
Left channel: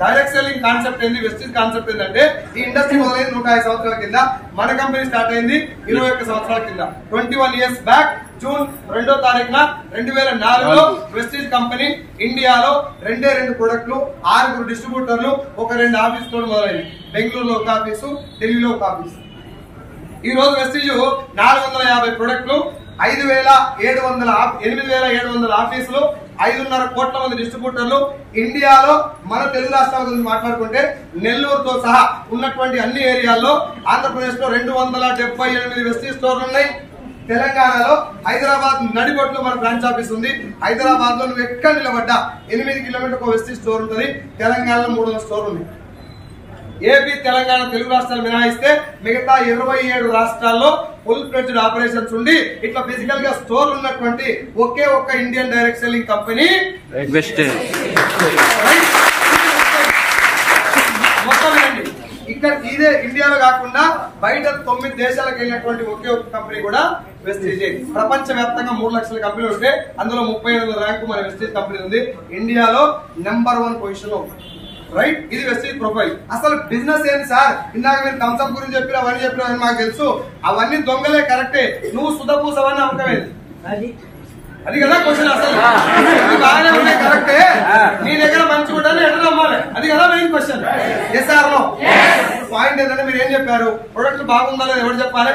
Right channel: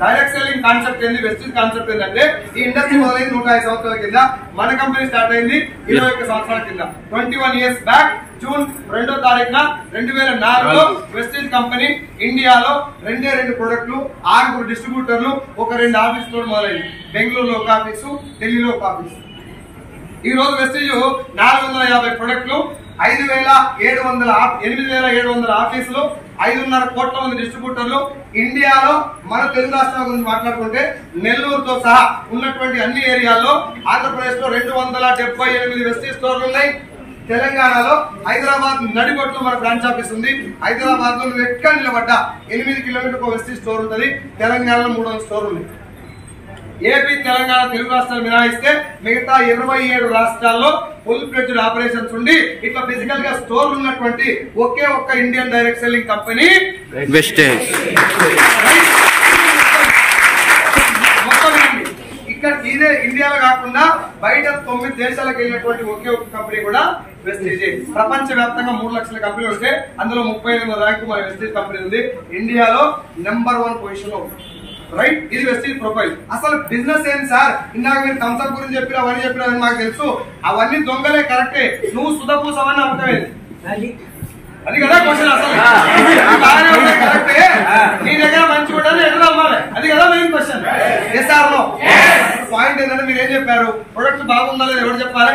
డైరెక్ట్ సెల్లింగ్ కాన్సెప్ట్ ఏంది, వెస్టిజ్ కాన్సెప్ట్ ఏంటంటే ఈ ఇండస్ట్రీ మొదలైంది 105 సంవత్సరాల కింద, మన కంపెనీ స్టార్ట్ అయింది 21 సంవత్సరాల కింద. 21 years బ్యాక్ జూన్ 2వ తారీఖున 2004లో వెస్టిజ్ కంపెనీ ఇండియాలో 2 ప్రొడక్ట్లు, 6 డిస్ట్రిబ్యూటర్లు, ఒక 2 ఆఫీస్ తోడు మొదలైంది. బెంగళూరులో ఒక ఆఫీసు, ఢిల్లీలో ఒక ఆఫీసు. ఈ రోజు వెస్టిజ్ 450 ప్రొడక్ట్లు, 8,700 ఆఫీసులు, 5.5 కోట్ల మంది డిస్ట్రిబ్యూటర్లు. ఇండియాలో మన తెలుగు రాష్ట్రాల గురించి మాట్లాడుకుంటే నెల్లూరుతో సహా ఉన్నటువంటి అన్ని ఏరియాల్లో, ఆంధ్రప్రదేశ్ లో 278 వెస్టిజ్ స్టోర్లు ఉన్నాయి. తెలంగాణలో హైదరాబాద్ నడిబొట్లు మన బ్రాంచ్ ఆఫీస్ ఉంది. హైదరాబాద్ లో నువ్వు ఎక్కడ నిలబడ్డా 8 కిలోమీటర్ ఒక వెస్టిజ్ స్టోర్ ఉంటుంది. తెలంగాణలో 300 స్టోర్లు ఉన్నాయి. ఏపీ, తెలంగాణ, తెలుగు రాష్ట్రాలు మినహాయిస్తే మిగతా 27 రాష్ట్రాల్లో ఫుల్ ఫ్లెడ్జ్డ్ ఆపరేషన్స్ ఉండి ఇట్లా ఫిజికల్ గా స్టోర్ ఉన్నటువంటి ఒకే ఒక్క Indian direct selling company Vestige. మొత్తం ఇక్కడ ఇదే ఇండియాలో కాకుండా బయట 9 దేశాలకు వెళ్ళినటువంటి ఒకే ఒక్క కంపెనీ కూడా వెస్టేజ్. ప్రపంచ వ్యాప్తంగా 3 లక్షల కంపెనీలు ఉంటే అందులో 38వ ర్యాంకు మన వెస్టేజ్ కంపెనీ ఉంది. ఇండియాలో నెంబర్ 1 పొజిషన్ లో ఉంది. రైట్, ఇది వెస్టేజ్ ప్రొఫైల్. అసలు బిజినెస్ ఏంటి సార్? ఇందాక మీరు థమ్స్అప్ గురించి చెప్పినా, అవన్నీ చెప్పినా మాకు తెలుసు. అవన్నీ దొంగలే, కరెక్టే. నువ్వు సుధపూసవన్నీ అమ్మకమేది అది కదా క్వశ్చన్. అసలు బాగానే ఉన్నాయి, కరెక్టే. నీ దగ్గర మంచి ఉంటాను ఎక్కడ అమ్మాలి, అది కదా మెయిన్ క్వశ్చన్. ఎస్ఆర్ లో పాయింట్ ఏంటంటే మీరు ఏం చెప్పారు, ప్రొడక్ట్ బాగుందా లేదా ఎవరు చెప్పాలి?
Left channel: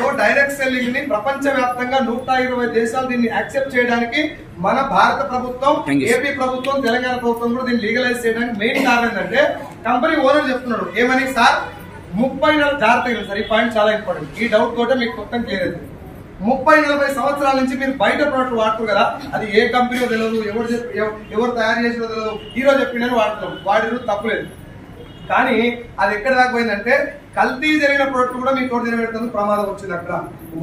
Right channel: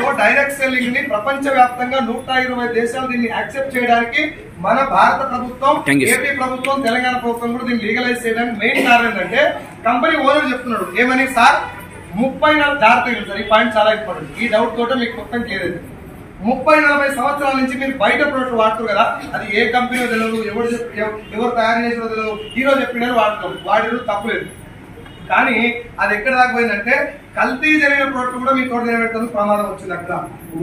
సో డైరెక్ట్ సెల్లింగ్ ని ప్రపంచ వ్యాప్తంగా 120 దేశాలు దీన్ని యాక్సెప్ట్ చేయడానికి మన భారత ప్రభుత్వం, ఏపీ ప్రభుత్వం, తెలంగాణ ప్రభుత్వం కూడా దీన్ని లీగలైజ్ చేయడానికి మెయిన్ కారణం ఏంటంటే కంపెనీ ఓనర్ చెప్తున్నాడు ఏమని, సార్ 30 జాగ్రత్తగా సార్, ఈ పాయింట్ చాలా ఇంపార్టెంట్. ఈ డౌట్ తోట మీకు మొత్తం క్లియర్ అయింది. 30-40 సంవత్సరాల నుంచి మీరు బయట ప్రొడక్ట్ వాడుతారు కదా, అది ఏ కంపెనీలో తెలియదు, ఎవరు తయారు చేసినో తెలియదు, హీరో చెప్పినని వాడుతాం. వాడిలో తప్పులేదు. కానీ అది ఎక్కడ దాకా పోయిందంటే కల్తీ జరిగిన ప్రోడక్ట్ కూడా మీ తోట తినబెట్టడం ప్రమాదం వచ్చింది. అక్కడ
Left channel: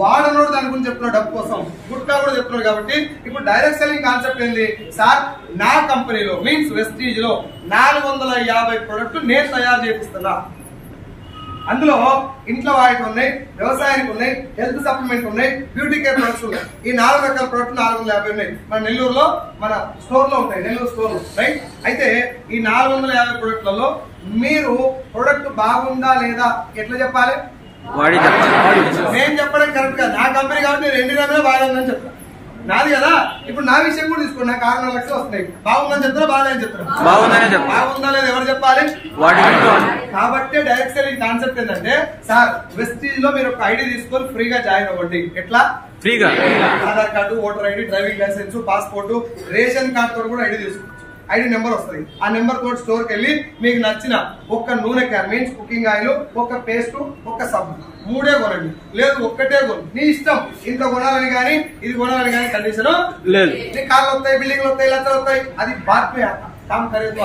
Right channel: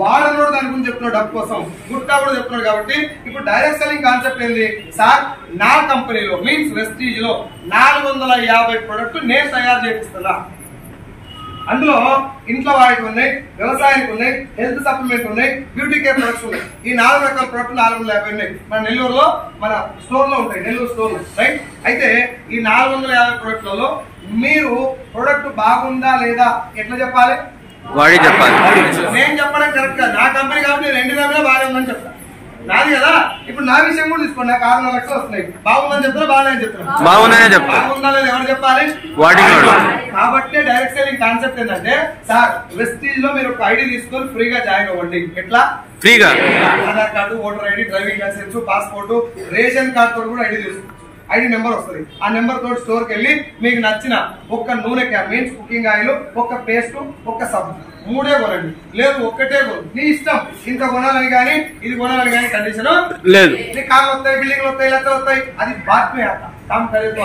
వాడనోడు దాని గురించి చెప్తున్నాడు, డబ్బు కోసం. గుట్కా కూడా చెప్తున్నాడు. కాబట్టి ఇప్పుడు డైరెక్ట్ సెల్లింగ్ కాన్సెప్ట్ ఏంది సార్, నా కంపెనీలో మీన్స్ వెస్టీజ్ లో 450 ప్రోడక్ట్ నేను తయారు చేపిస్తున్నా. అందులో ఇంట్లో వాడికి ఉన్నాయి, వ్యవసాయానికి ఉన్నాయి, హెల్త్ సప్లిమెంట్ ఉన్నాయి, బ్యూటీ కేర్ ప్రొడక్ట్స్ ఉన్నాయి. ఈ 4 రకాల ప్రొడక్ట్ 450 ఉన్నాయి. మన నెల్లూరులో మన స్టోర్ లో ఉంటాయి, నెల్లూరు స్టోర్ రైట్. అయితే ఈ 450 ప్రొడక్ట్లలో మీరు ప్రొడక్ట్ బాగుందా లేదా ఎట్లా చెప్పాలి? వాడి చెప్పాలి. నేను చెప్పడం కరెక్ట్ కాదు. నా కంపెనీ కాబట్టి నేను 2 నెలలు బాగుందని చెప్తా, నాది కదా. ఇప్పుడు నా విషయం కూడా తీసుకోండి, నాకు 6 లక్షలు వస్తున్నాయి. బాగుందని చెప్తారా బాగాలని చెప్తారా? బాగుందా లేదా ఎవరు చెప్పాలి? కాబట్టి డైరెక్ట్ సెల్లింగ్ కాన్సెప్ట్ ఏంటంటే సార్, వెస్టీజ్ లో మీరు ఒక ఐడి తీసుకొని ఫ్రీగా జాయిన్ అవ్వండి. ఎట్లా ఫ్రీగా? Aadhaar card, voter ID, driving licence, passport, ration card తోటి కూడా ఐడి తీసుకోవచ్చు. ఐడి నెంబర్ వస్తుంది. ఆ నెంబర్ తోటి స్టోర్ కి వెళ్ళి మీకు నచ్చిన ఒక్క నూనె క్యాన్ మీన్స్ కుకింగ్ ఆయిల్, ఒక్క పేస్ట్, ఒక్క సబ్బు 3 కొనండి. లేదు ఒక్కటే కొను, నీ ఇష్టం. ఇంత కొనాలని కానీ ఇది కొనాలని కానీ కండిషన్ లేదు. నీ కార్లు వస్తాయి, బిల్డింగ్లు వస్తాయి, లక్షలు వస్తాయి, అది బాధ్యత. కామ్ ఖరీదు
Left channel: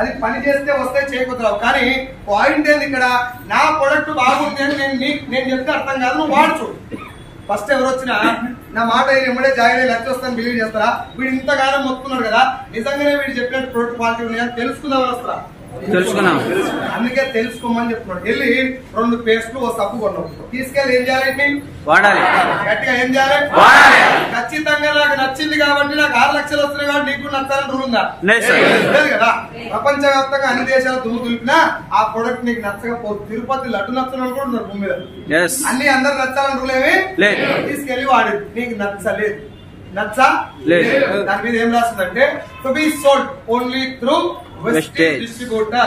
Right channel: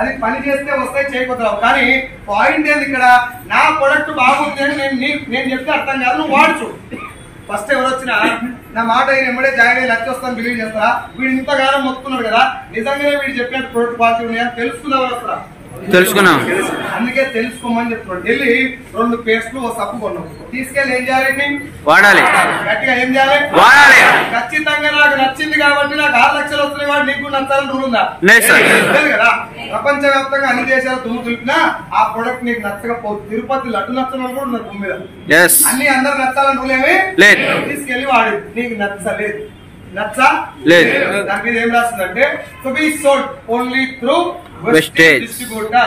అది పని చేస్తే వస్తాయి, చేయకపోతే. కానీ పాయింట్ ఏంది ఇక్కడ, నా ప్రొడక్ట్ బాగుంది అని నేను చెప్తే అర్థం కాదు, నువ్వు వాడుచు. ఫస్ట్ ఎవరు వచ్చినా నా మాట ఎమ్మడే జాయిన్ అయ్యి లక్ష వస్తాను బిలీవ్ చేస్తారా? వీడు ఇంతగానో మొత్తుకున్నాడు కదా, నిజంగానే వీడు చెప్పినట్టు ప్రోడక్ట్ క్వాలిటీ ఉన్నాయని తెలుసుకుందాం వస్తారా? తెలుసుకున్నాం. అందుకే తెలుసుకోమని చెప్తున్నాడు. వెళ్ళి 2 పేస్ట్లు, ఓ సబ్బు కొన్నాం, తీసుకెళ్ళి ఏం చేయాలి? వాడాలి. గట్టిగా ఏం చేయాలి? ఖచ్చితంగా నాకు నచ్చింది కాబట్టి నాకు 6 లక్షలు వస్తున్నాయి కాబట్టి నీకు నచ్చాలని రూల్ ఉందా? లేదు కదా. ప్రపంచవ్యాప్తంగా అన్ని దేశాలు దుమ్ము దులిపినా ఆ ప్రొడక్ట్ నీకు నచ్చకపోతే, తిరుపతి లడ్డు నచ్చని కూడా ఉన్నారు భూమి మీద. అన్ని అందరు నచ్చాలని రూల్ ఏమి తీసుకెళ్లి వాడు నీకు నచ్చలేదు, నచ్చా లేదు, దాని మీద ఏం రాస్తుందంటే to be sold only through Vestige distributor.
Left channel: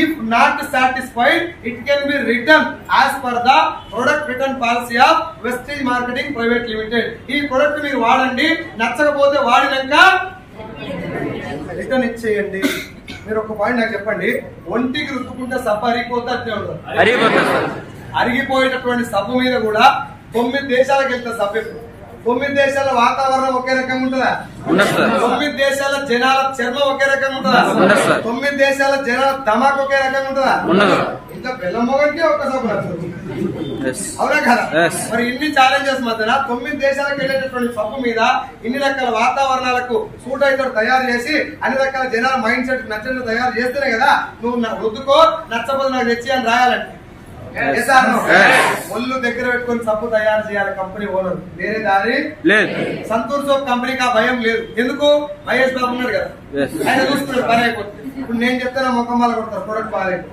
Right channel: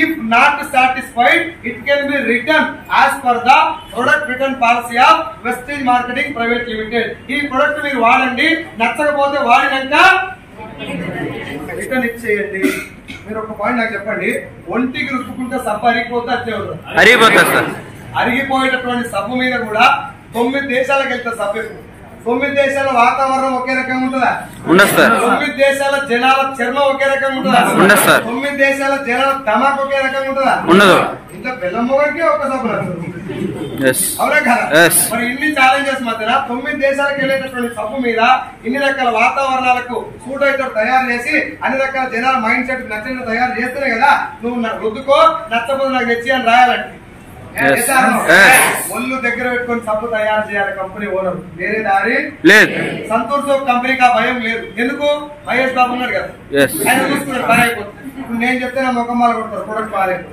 If not satisfied, it can be returned as per the product return policy of Vestige Marketing Private Limited. ఈ ప్రొడక్ట్ మీరు వాడండి, నచ్చకపోతే వాడినాక రిటర్న్ ఇచ్చేయండి. మీరు ఒక పాయింట్ నాకు చెప్పండి, ఒంటికి రుద్దుకుంటే సబ్బు అరిగిపోతే అట్లే ఉంటుంది. అరిగిపోయేటటువంటి సబ్బు మీద కూడా 9 దేశాలకు వెళ్తే సబ్బు. 9 దేశాల వాతావరణం ఒకే రకంగా ఉంటుందా? 9 దేశాల జనాల చర్మం ఒకే రకంగా ఉంటుందా? 9 దేశాల జనాల ధమాక్ ఒకే రకంగా ఉంటుందా? ఇంకా బెల్లం మొగకి ఒక సబ్బు అవునా కదా? మరి ఇన్ని ఛాలెంజెస్ మధ్యన 9 దేశాలకు వెళ్ళేటటువంటి సబ్బు మీద ఇన్ని రకాల వాతావరణాలకు సూట్ అయితే తయారు చేసి అన్ని రకాల జనాల మైండ్ సెట్ నచ్చిన తయారు చేస్తేనే కదా నువ్వు రుద్దుకో, నచ్చపోతే నాకు తెచ్చి అని రాయాలంటే. ఒళ్ళు దగ్గర పెట్టుకొని సబ్బు తయారు చేయాలి కంపెనీ ఓనర్, వేరే దారి లేదు. సంతూర్ సోప్ కంపెనీకి ఆ భయం లేదు. ఎందుకు? మహేష్ బాబు ఉన్నాడు కదా, ఆయన చూస్తున్నాడు పని అయిపోతుంది. ఇప్పుడు నేను చెప్తే నా ముఖం వాళ్ళు కొడతారు, ప్రొడక్ట్ బాగాలేదు.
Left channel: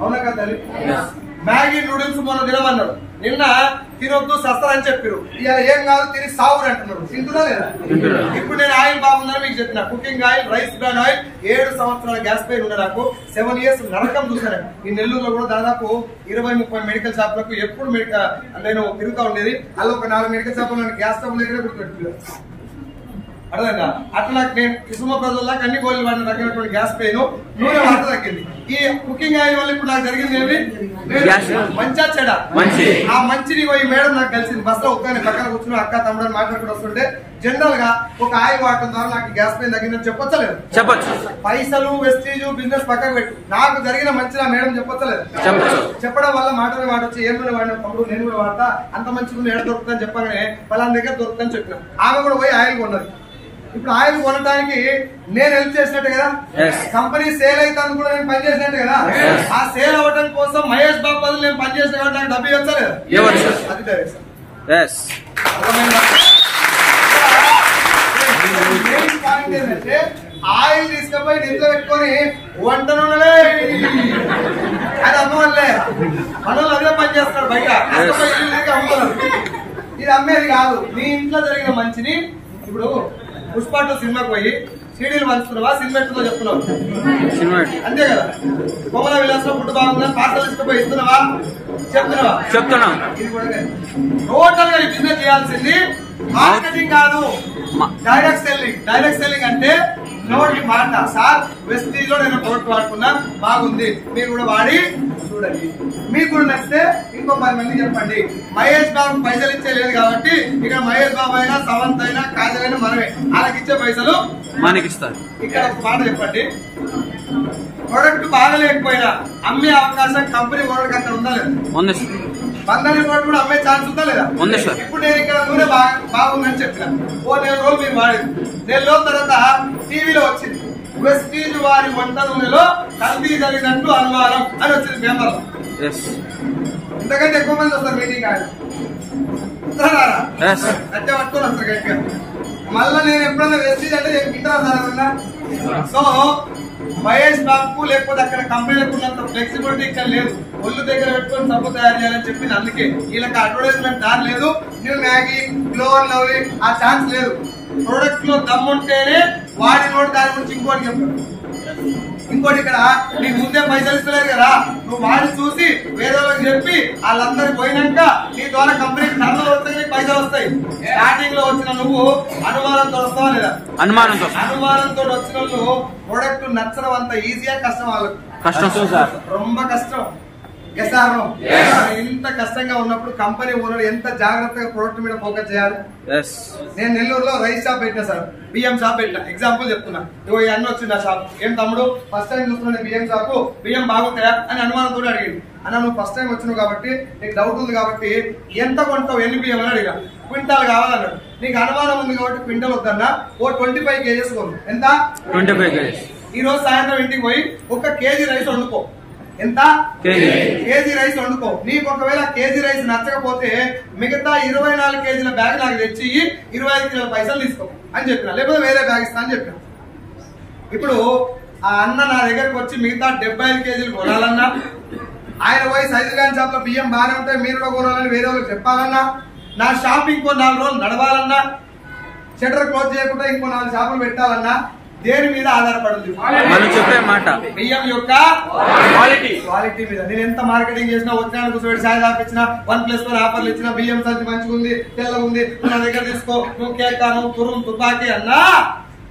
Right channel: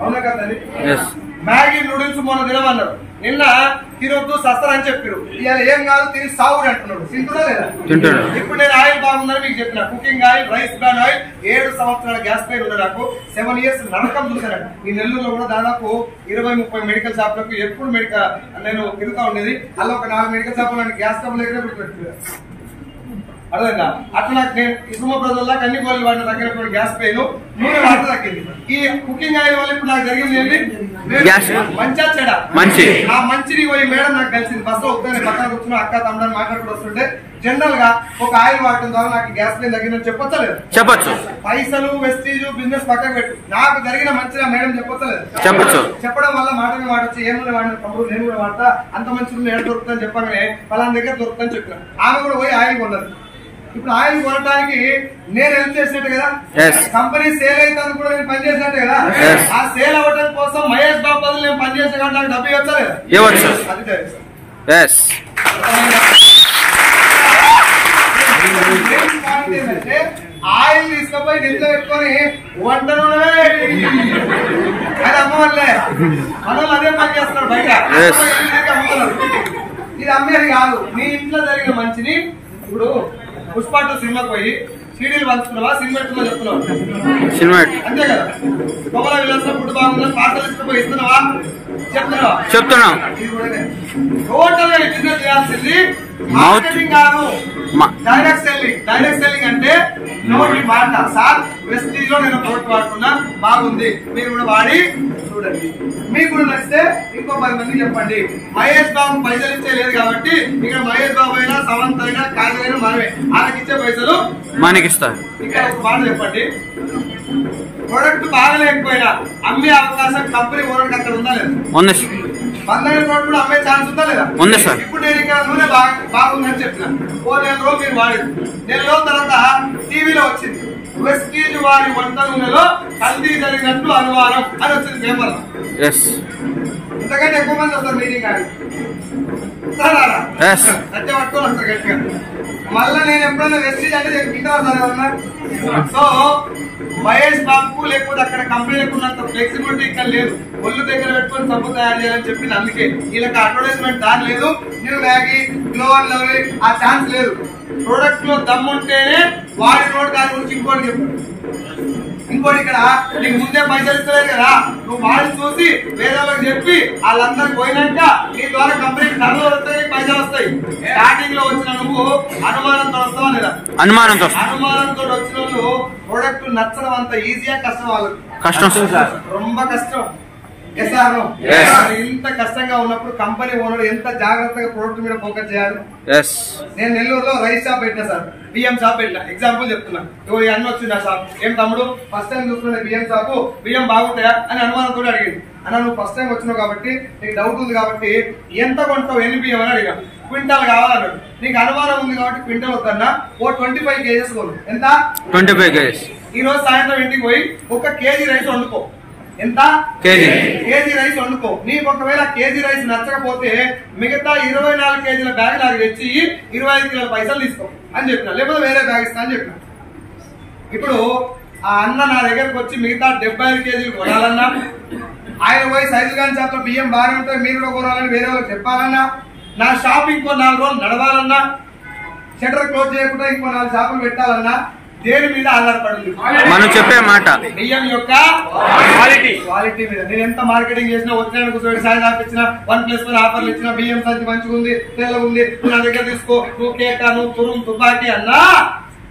అవునా కదా? మ్యాగీ నూడిల్స్ మొన్న తినమన్నారు, నిన్న తినొద్దు సస్తారని చెప్పారు. ఇవాళ ఏం కాదు తిని సావురు అంటున్నారు. తింటున్నా లేదా? ఇప్పుడు నేను ఆయిల్ బాగుందని మీకు చెప్పిన, cooking oil, rice bran oil. 7 సంవత్సరాల గ్యాస్ పైన ఉన్న నాకు 7 ఇయర్స్ నరకం చూశాను. ఈ నెల్లూరులో కూడా దాదాపు 20-30 మెడికల్ షాపులకు ఎప్పుడు నేను తిరుగుతా ఉండేది. అలా ఒక 4 మెడికల్ షాపులు గ్యాస్ స్టవ్ దగ్గర గుర్తుపెట్టుకున్నాను. అర్థంగా అట్లా నాకు నేను ఇసుమ ప్రజల్లో అన్ని గోళ్ళు వాడిన తగ్గినటువంటి గ్యాస్ పెయిన్, నూనె వాటర్ తగ్గింది. ఈ కుకింగ్ ఆయిల్ వల్ల ఇప్పుడు నాకు జరిగింది ఏంటి? మంచిగా చెడా మంచి. ఆ మంచిని పోయి మేడం నాకు కలిసింది. బస్సులో ఒక్కనే పక్కన కూర్చుని అక్క తమ్ముడని మాట్లాడుకుంటూ వస్తుంటే జనరల్ గా ఒక ఆయిల్ వాడటం ద్వారా నాకు గ్యాస్ పెయిన్ తగ్గిందని చెప్పొచ్చలేదు? చెప్పచ్చు. పైసలు, వెస్టీజ్, బిజినెస్ పక్కకు పెట్టు, నాకు జరిగిన మంచిగా మేడం చెప్పొచ్చలేదు? చెప్పడం వల్ల మాట మీద మాట వచ్చి ఏమన్నా వాడిన తమ్ముడు నేను కూడా వాడతా, అంత మంచి ఏడ దొరుకుతుందని చెప్పగానే పలానా దగ్గర దొరుకుతుందని చెప్పిన. ఆమె కూడా పోయి ఆయిల్ కొన్నది. ఇప్పుడు ఆయిల్ కొనడానికి నేను హెల్ప్ చేసినట్టు కదా, కంపెనీ సేల్ అయితే కూడా నేను పనిచేసినట్టు కదా. ఆ సేల్ అవ్వడం కోసం మహేష్ బాబు బదులు నేను పనిచేసిన కాబట్టి నాకు డబ్బు ఇవ్వలేదు. అది పాయింట్ ఏంటంటే ఆయిల్ తీసుకుపోయి ఇంట్లో పెట్టుకొని వంట నూనె అది అమ్మవల్లే మనోళ్ళు అదే పని చేస్తున్నారు బయట అమ్ముతున్నారు. ఇది అమ్మేది కాదు. నీ ఇంట్లో జరిగిన మంచిని ఇప్పుడు పుష్ప 2 సినిమాకి పోయి సీడీలు పంచుతున్నావా, సినిమా చెప్తున్నావా? అంతే కదా. కొమల విలాసం ఫుడ్ బాగుందని పార్సల్ తీసుకుపోయి ఇస్తున్నావా, చెప్తున్నా. టోటల్ గా బిజినెస్ చేయాల్సింది మార్కెటింగ్ కాదు, డైరెక్ట్ సెల్లింగ్. డైరెక్ట్ సెల్లింగ్ అంటే నోటి మాట. సార్ వెస్టీజ్ లో నేను ప్రోడక్ట్ వాడుతున్నా, బాగుంది, మీరు కూడా వాడి చూడండి, మీకు కూడా నచ్చితే ఇంకో 10 మంది చెప్పండి. మహేష్ బాబు పైసలు ఇచ్చే లేదు కాబట్టి ఇక్కడ మహేష్ బాబు అయినా, సవంత్ అయినా, కాజల్ అయినా మనమే. వాళ్ళకి ఇచ్చే పైసలు మనకి ఇస్తారు. ఇక్కడ ఒక మాట చెప్పండి, ప్రొడక్ట్ బాగలేకపోయినా అమ్మే అవకాశం కంపెనీ ఓనర్కి అక్కడ ఉందా లేదా? ఉంది సార్. 12 కోట్లు కూడా అమ్మే ఛాన్స్ ఉందా లేదా? ఉంది సార్. ఇప్పుడు నేను ఇక్కడ నూనె బాగుందని చెప్పిన ఓ 4 రోజులు మీరు వాడేది, 4 రోజుల తర్వాత టీవీలో వచ్చింది వెస్టీజ్ వారి వంట నూనెలో కల్తీ జరిగినట్టు అనుమానం అని వచ్చింది పేపర్. ఇంతకంటే ఎక్కువ మంది వస్తారు మీటింగ్ ఆయన గట్టిగా పట్టుకొని వస్తారు గట్టిగా. మళ్ళా నేను ఎప్పుడైనా వెస్టీజ్ అంటే ఇంకా సో మహేష్ బాబుకు లేకపోతే అక్కడ కంపెనీలకు ఉన్నంత ఫ్లెక్సిబిలిటీ ఇక్కడ లేదు. ఒళ్ళు దగ్గర పెట్టుకొని సబ్బు తయారు చేయాలని చెప్పి అందుకే వీళ్ళకి అడ్వర్టైజ్మెంట్ దాని లేదు. New Maggi, glow and lovely ఆ ఛాన్స్ లేదు. ప్రొడక్ట్ లో దమ్ముంటేనే వాడి నోటి దాని గురించి ఇంకోటి చెప్పారు. ఇంకోటి ఇక్కడ నీకు ముందే పైసలు ఇస్తలేదు కదా, నువ్వు వాడి చూసి వేరే వాళ్ళకి చెప్పి వాళ్ళందరికి పోయినాక నీ ద్వారా కంపెనీకి టర్న్ వస్తే పైసలు వస్తాయి. స్టార్టింగ్ లో వచ్చిన నువ్వు అనుమానంతో వస్తావా లేదా? అనుమానంతో వచ్చిన నువ్వు ప్రొడక్ట్ నచ్చడం అంత ఈజీగా కష్టం వాళ్ళకి కష్టం సార్, రొంబ కష్టం. ఇంత కష్టంగా ఉన్నప్పుడు కంపెనీ ఓనర్ ఎంత జాగ్రత్తగా ప్రొడక్ట్ మీద ఫోకస్ చేయాలి. నేను నెల్లూరులో రైస్ షాప్ పెట్టినా సార్, బియ్యం షాప్ పెట్టినా. ఎగ్జాంపుల్ చెప్తున్నా, అన్న వచ్చింది ఆ షాప్. ఏం తమ్ముడు ఫస్ట్ టైం చూస్తున్నా బియ్యం షాపు, బియ్యం బాగుంటాయా అని అనుమానంతో అడిగింది. అన్న నువ్వు ఫస్ట్ టైం వచ్చినావు కాబట్టి నీకు డౌట్ ఉంది కాబట్టి ఎంత కొంటావు, ఎన్ని బియ్యం అని అడిగా. క్వింటాల్ కావాలన్నాడు. నీకు అనుమానం ఉంది కాబట్టి క్వింటల్ వద్దన్నా ఓ 25 కేజీస్ కొను. ఎంత? 25 కేజీస్. ఈ రోజు సాయంత్రం ఇంటికి పోయి 1 కేజీ రైస్ వండుకో. ఎంత? కేజీ రైస్ వండుకో. నీకు ఒకవేళ కేజీ రైస్ నచ్చకపోతే మిగతా 24 కేజీల బ్యాగ్ నాకు తెచ్చి 25 కిలోల పైసలు తీసుకో అని చెప్పిన, లేకపోతే వేరే బ్యాగ్ ఇస్తా అని చెప్పిన. ఇప్పుడు ఆ అన్న నా దగ్గరకు వచ్చి మిగతా 75 కేజీలు కొనాలన్నా, ఆయన పోయి సైజు గాని షాప్ లో బియ్యం బాగానే ఉంటాయి మీరు కూడా కొనాలని వేరే వాళ్ళకి చెప్పాలన్నా, నా షాప్ ఇంకో 4 రోజులు నడవాలన్నా, షట్టర్ క్లోజ్ చేయకుండా ఇంకో 4 షాపులు పెట్టాలన్నా దేని మీద ఆధారపడింది? చెప్పే మాట బియ్యం యొక్క క్వాలిటీ మీద. నేను ఎంత మార్కెటింగ్ చేసినా, వచ్చిన కూర్చోబెట్టి సాయి ఆపించిన, 1+1 ఆఫర్లు ఇచ్చిన, బియ్యం సంచి మంచిగా ఉంది, తెల్లగా ఉంది, నా దగ్గర తీసుకో, నువ్వు కేక్, నువ్వు తురుం తుపాకి అన్నా,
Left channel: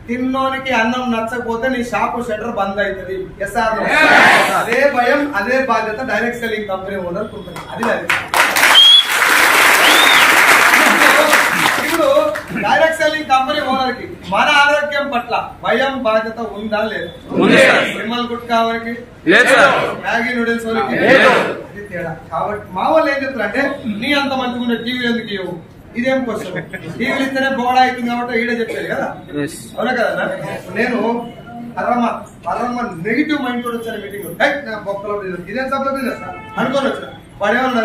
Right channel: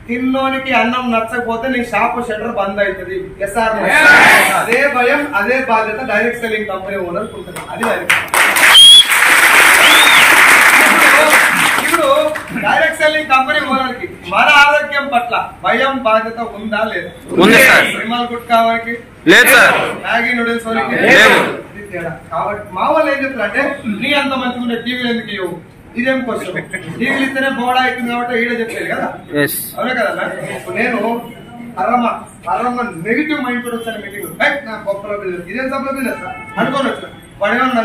తిన్నోనికి అన్నం నచ్చకపోతే నీ షాప్ షట్టర్ బంద్ అవుతుంది. అదే భయం, అదే బాధ్యత డైరెక్ట్ సెల్లింగ్ కంపెనీ ఓనర్ ఉంటుంది. అది డైరెక్ట్. ఇప్పుడు డైరెక్ట్ సెల్లింగ్ కంపెనీ ఓనర్ కి మన ఆరోగ్యం పట్ల భయం, బాధ్యత ఉందా లేదా? విమల్ గుట్కా వారికి, మ్యాగీ నూడిల్స్ వారికి ఇది తేడా. కాబట్టి మా వాళ్ళు ఏం చెప్తారు అంటే, నీ అంత మంచిగా ఉండే టీవీలు ఎందుకు ఇవ్వవు? ఇదేం క్వశ్చన్. టీవీలు ఇస్తేనే బోడా అవుతుంది కాబట్టి ఈడే చెప్పేది కదా, అవునా కదా? నేను పరమ నెగిటివ్ మైండ్ కూడా వచ్చాను మీటింగ్. నా బొక్కల బిజినెస్, ఇదేం సభలో బిజినెస్ అనుకోని వచ్చిన. వాడు ఏమన్నా,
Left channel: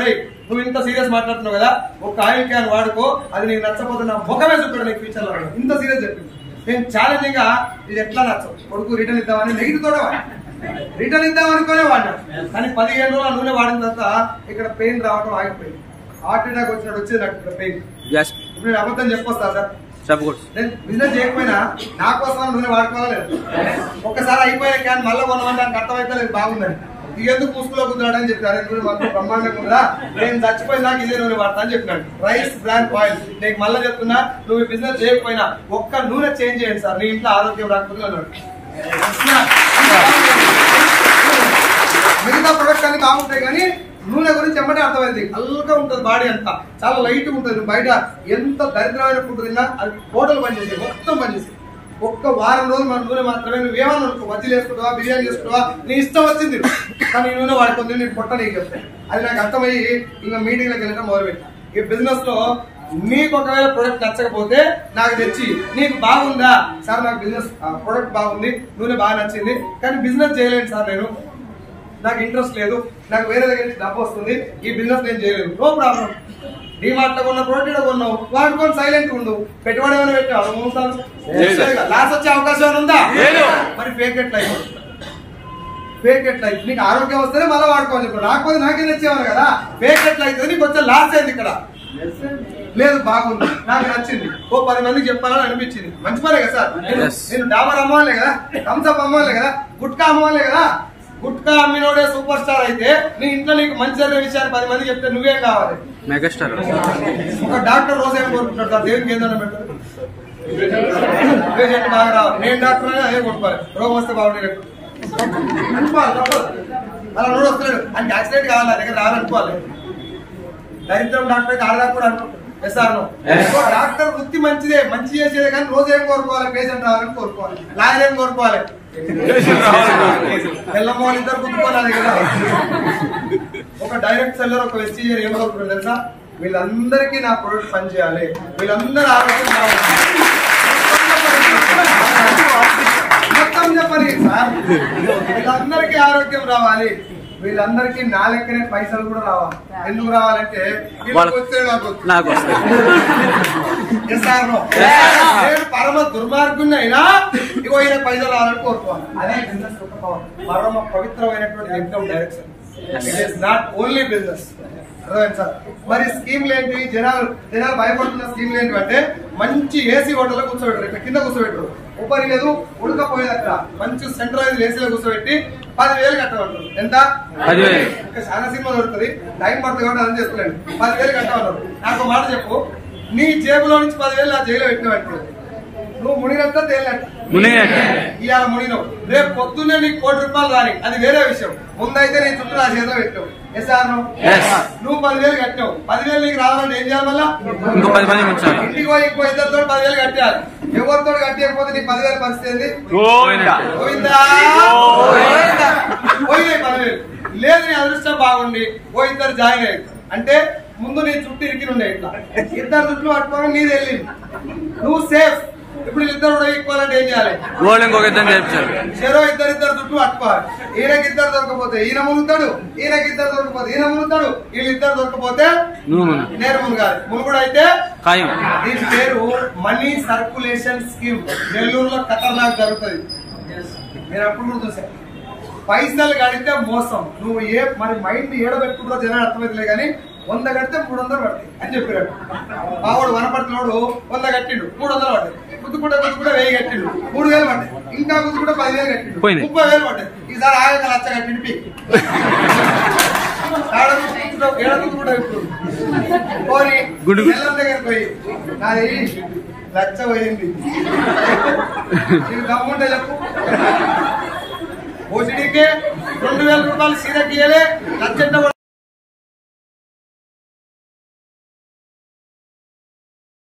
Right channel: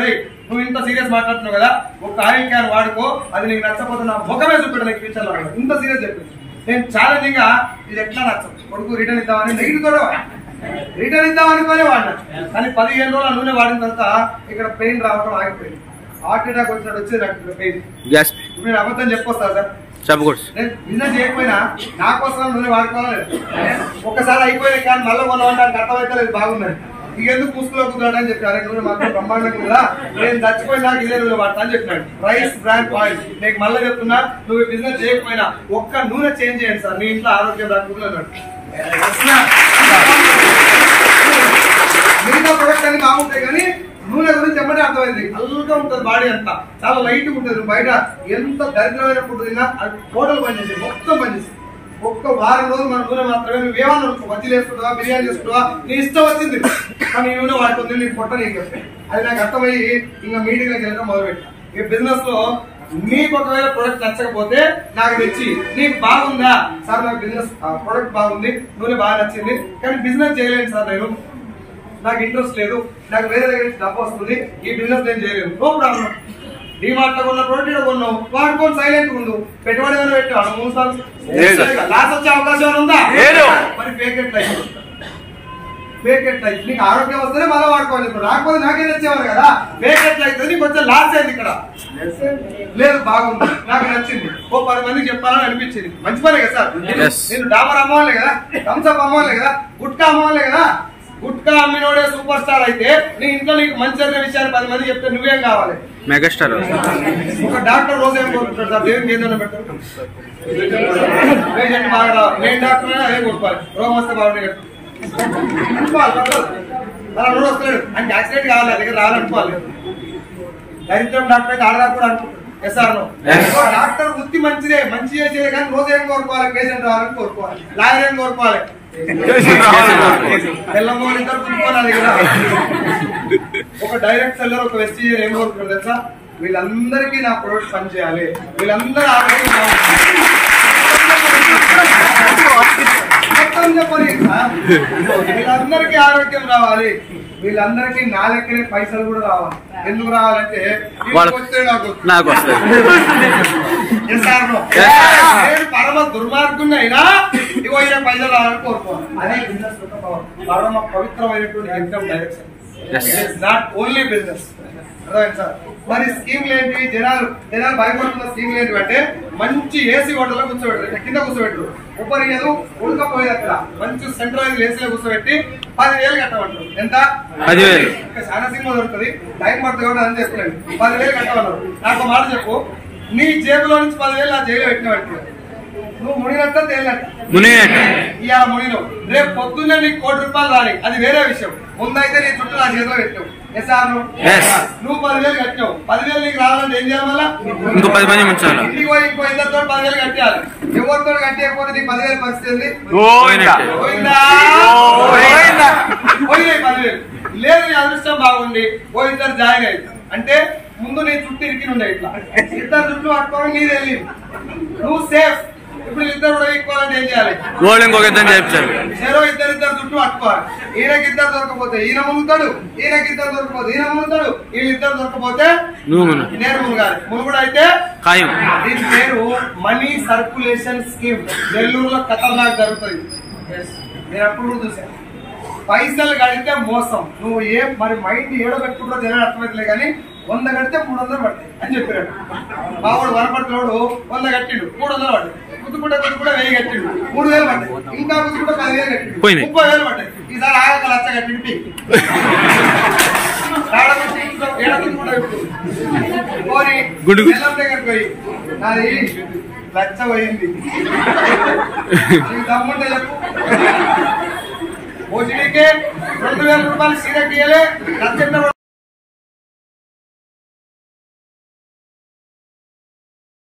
నువ్వు ఇంత సీరియస్ మాట్లాడుతున్నావు కదా, ఒక ఆయిల్ క్యాన్ వాడుకో, అది నీకు నచ్చకపోతే నా ముఖమే చూపెట్టు నీకు ఫ్యూచర్ లో. ఇంత సీరియస్ చెప్పింది. నేను ఛాలెంజింగ్ గా ఇది ఎట్లా నచ్చవు, కొడుకు రిటర్న్ ఇద్దామని నెగిటివ్ కూడా రిటర్న్ ఇద్దాం అనుకోనే వాడినా. కానీ 15 రోజులు నూనె వాడిన తర్వాత ఇక్కడ పెయిన్ రావడం ఆగిపోయింది. హార్ట్ అటాక్ వచ్చినట్టు వచ్చేది నాకు పెయిన్. ఇప్పుడు నేను అబద్ధం చెప్పొస్తా సార్, నేను బిజినెస్ చేయకపోయినా నా కోసం నూనె వాడుకోవాలి. ఒక్కసారి అయిపోయిన క్యాన్ మళ్ళీ కొనడానికి అర్థమైతే లేదు, బాగుందని. ఇక ఎందుకు పూసుకులో కుదరడం అని చెప్పారు. నూనె మాత్రం బ్రహ్మాండంగా ఉందా, నేను చచ్చిపోయినా ఇదే నూనె వాడతా అని చెప్పినాడు. Rice brand oil. నేను మళ్ళీ చెప్తున్నా, నువ్వు బిజినెస్ చేయకపోయినా ఒక్క నూనె చేంజ్ చేయండి సార్, నీ ఇంట్లో ఆరోగ్యం రాకపోతే అన్నాడు. మిగతా ప్రొడక్ట్స్ అన్ని బాగుంటాయి కానీ నూనె గురించి ఎమ్మటే అర్థమైంది. అల్లుగా ఉంటుంది బాడీ అంతా, చాలా లైట్ ఉంటుంది. బయట ఎంత దరిద్రమైన ఫుడ్ తిన్నా అది టోటల్ పనిచేసి మొత్తం పనిచేసి ఒక్క వారం రోజులు మన నూనె మాత్రమే. నువ్వేమన్నా మజ్జిలు వేసుకుంటావా, బిర్యానీ చేసుకుంటావా, నీ ఇష్టం వచ్చింది, కానీ నూనె వాడుకుంది నీకు పొట్ట నీకు. అది నాకు అర్థమయ్యి ఇంకా మీటింగ్లకు వెళ్ళడం మొదలుపెట్టా. ఈ బిజినెస్ లో నీకు ఒకవేళ ప్రొడక్ట్ నచ్చకపోతే నాకు తెచ్చి, నీకు బాగుందా సార్, నాకు బిజినెస్ ప్రొడక్ట్ బాగుంది, నూనె బాగా నచ్చింది, కానీ బిజినెస్ చేయలేను సార్, నేను నాకు ఇంట్రెస్ట్ లేదు, నాకు వేరే దగ్గర నుంచి డబ్బు వస్తుంది, ఈ బిజినెస్ నేను చేయలేదు. No problem. డిమార్ట్ లో కొన్న ప్రోడక్ట్ ఇక్కడ కొన్నావు, వాడుకొని సైలెంట్ ఉండు. పెట్టుబడి ఏమైనా పెట్టావు, లాస్ వచ్చే అవకాశం ఏమైనా ఉందా? మరి fake at life, fake at life. నీకు ఆరోగ్యం వస్తేనే మళ్ళీ వాడుకోవాలి, రాకపోతే నాకే తెచ్చేవాళ్ళు కదా. ఫేక్ ఎట్ లైఫ్ నీకు వచ్చే లాస్ అయింది ఇక్కడ. లేదు బాగుంది, నాకు నచ్చింది, ఓ 10 మందికి చెప్పాలని అనిపించింది, మంచి పనే కదా సార్. నేను డాబర్ అమ్మవాలే కదా, థమ్స్అప్ అమ్మవాలే కదా, గుట్కా అమ్మవాలే కదా. గుట్కా అమ్మినోడే సూపర్ స్టార్ అయితే నీ ఇంట్లో నీకు మంచి జరిగిన విషయాన్ని 10 మంది చెప్తే నువ్వేం కావాలి? మెగాస్టార్. ఒక డాక్టర్ రోజు ఏం కోరుకుంటాడు సార్, దేవునికి ఏదైనా పెట్టారు, పేషెంట్ బాగా రావాలి. నేను డాక్టర్ అయినా అదే కొట్టుకోవాలి, రోగం వస్తే బాగుండే అనుకోవాలి తప్పదు. అలా నోడు వస్తున్నాడు అంటే యాక్సిడెంట్ కావాలి, నా దగ్గర రాలనుకోవాలి. దరిద్రం డాక్టర్ అయితే ఆడదా కూడా అనుకుంటాడు. డాక్టర్ వృత్తి మంచిదే, మంచి చేసేదే, కానీ రోజు ఏం కోరుకోవాలి? పేషెంట్ రావాలని కోరుకోవాలి, లాయర్ ఏం కోరుకోవాలి? తెల్లమోహన్ ఇద్దరు గుర్తుకోవాలి కదా. ఒక డైరెక్ట్ సెల్లర్ ఒక వెస్టీజియర్ ఏం కోరుకుంటారు తెలుసా? వీళ్ళందరికీ నా ప్రొడక్ట్ పని చేయాలి, వీళ్ళందరూ ఆరోగ్యం మొత్తం చెప్పండి సార్. వీళ్ళందరికీ ఆరోగ్యం రావాలి, వీళ్ళందరికీ నా లెక్కనే పైసలు కూడా రావాలి. ఎందుకు రావాలంటే వస్తే నాకు నేను పరమ దుర్మార్గంగా అయినా ఇగో ఈయన పైసలు రావాలని కోరుకోవాలి. అదే బిజినెస్ పరమ పవిత్రమైనటువంటి income direction. It is not only business. Sir మరి స్కీమ్లు ఏంటి? జనాలు భయపడుతున్న స్కీమ్లు ఏంటి అంటే మంచి ఏసీ హోటల్లో కూర్చోబెట్టరు, కింద కూర్చోబెట్టరు, ఉపరియదు ఉడకపోయేది. అక్కడ మంచి సెంట్రలైజ్ ఏసీలో కూర్చోబెట్టి 10,000 కట్టమంటారు. ఎంత? 10,000. ఇంకా చాలా సినిమా దొరుకుతుంది, టైం పడుతుంది కూడా అని చెప్పలేండి. 10,000 కట్టమన్నారు. నాకు మాట చెప్పు, నీ జేబులో నుంచి 10,000 నా జైల్లో పెట్టినట్టు నువ్వు మునిగినట్ట తేలినట్ట. ఇవాళ మునిగినవు, రేపు పొద్దున్నే నీకు ₹1,00,000 రాని, అది వేరే విషయం. ముందైతే నీ చుట్టూ నా చేతిలో పెట్టావు. నువ్వు 10,000 కట్టావు, 10,000 నీకు రావాలంటే ఏం చేయాలి? మళ్ళా ఇంటికి పోయి ఇంకో ఇద్దరితో 10,000 కట్టాలి. ఎవరితో కట్టకపోతే నీకు 10,000 పరిస్థితి ఏంది? పోయినాయి 10,000. లేదు నీ అదృష్టం బాగుండి ఓ ఇద్దరు జాయిన్ అవుతారు అంటే ముందు నీ చుట్టూ ఇరికి ఉండే ఇట్లా ఇద్దరు చుట్టూ పట్టుకోవాలి, నీది వెళ్ళి నువ్వు సేఫ్. ఇప్పుడు ఇద్దరు కూడా ఎక్కువాలంటే ఏం చేయాలి? చెరో ఇద్దరు చుట్టూ పట్టుకోవాలి. ఈయనకి ఇద్దరు దొరకపోతే ఈయన మునుగుతాడు, ఈయనకి ఇద్దరు దొరకపోతే ఈయన మునుగుతాడు, వీళ్ళిద్దరు దొరకపోతే నేను మునుగాలి. మునుగుడు అయితే దీని పేరు మనీ సర్కులేషన్ స్కీమ్. నెల్లూరులో ఖతర్నాక్ జరుగుతుంది. మీరు అప్పుడు కూడా చూసారు. పైసలు కడితే మోసం. నువ్వు మరి మైండ్ ఏడబెట్టుకుంటూ జనాలు అర్థమవుతలే కానీ 100 కడితే 300 పడతాయి అని చెప్పారు. మావాడు వనపట్లోడు 100 కట్టిండు, 300 పడ్డాయి. కుదుకుంటే 1000 కట్టిండు, 3,000 పడ్డాయి. ఇంకా కుదుకుంటే 10,000 కట్టిండు, 30,000 పడ్డాయి. ఈసారి ఆగక 1,00,000 కట్టిండి. ఏడకుదుకుంటా ఇప్పుడు పోని బెల్లం దగ్గర పోయి నాది 1,00,000 పోయింది, నీకు దమ్ముంటే చెప్పు. ఓసిడీకే ₹2,000 సీరకి 1,00,000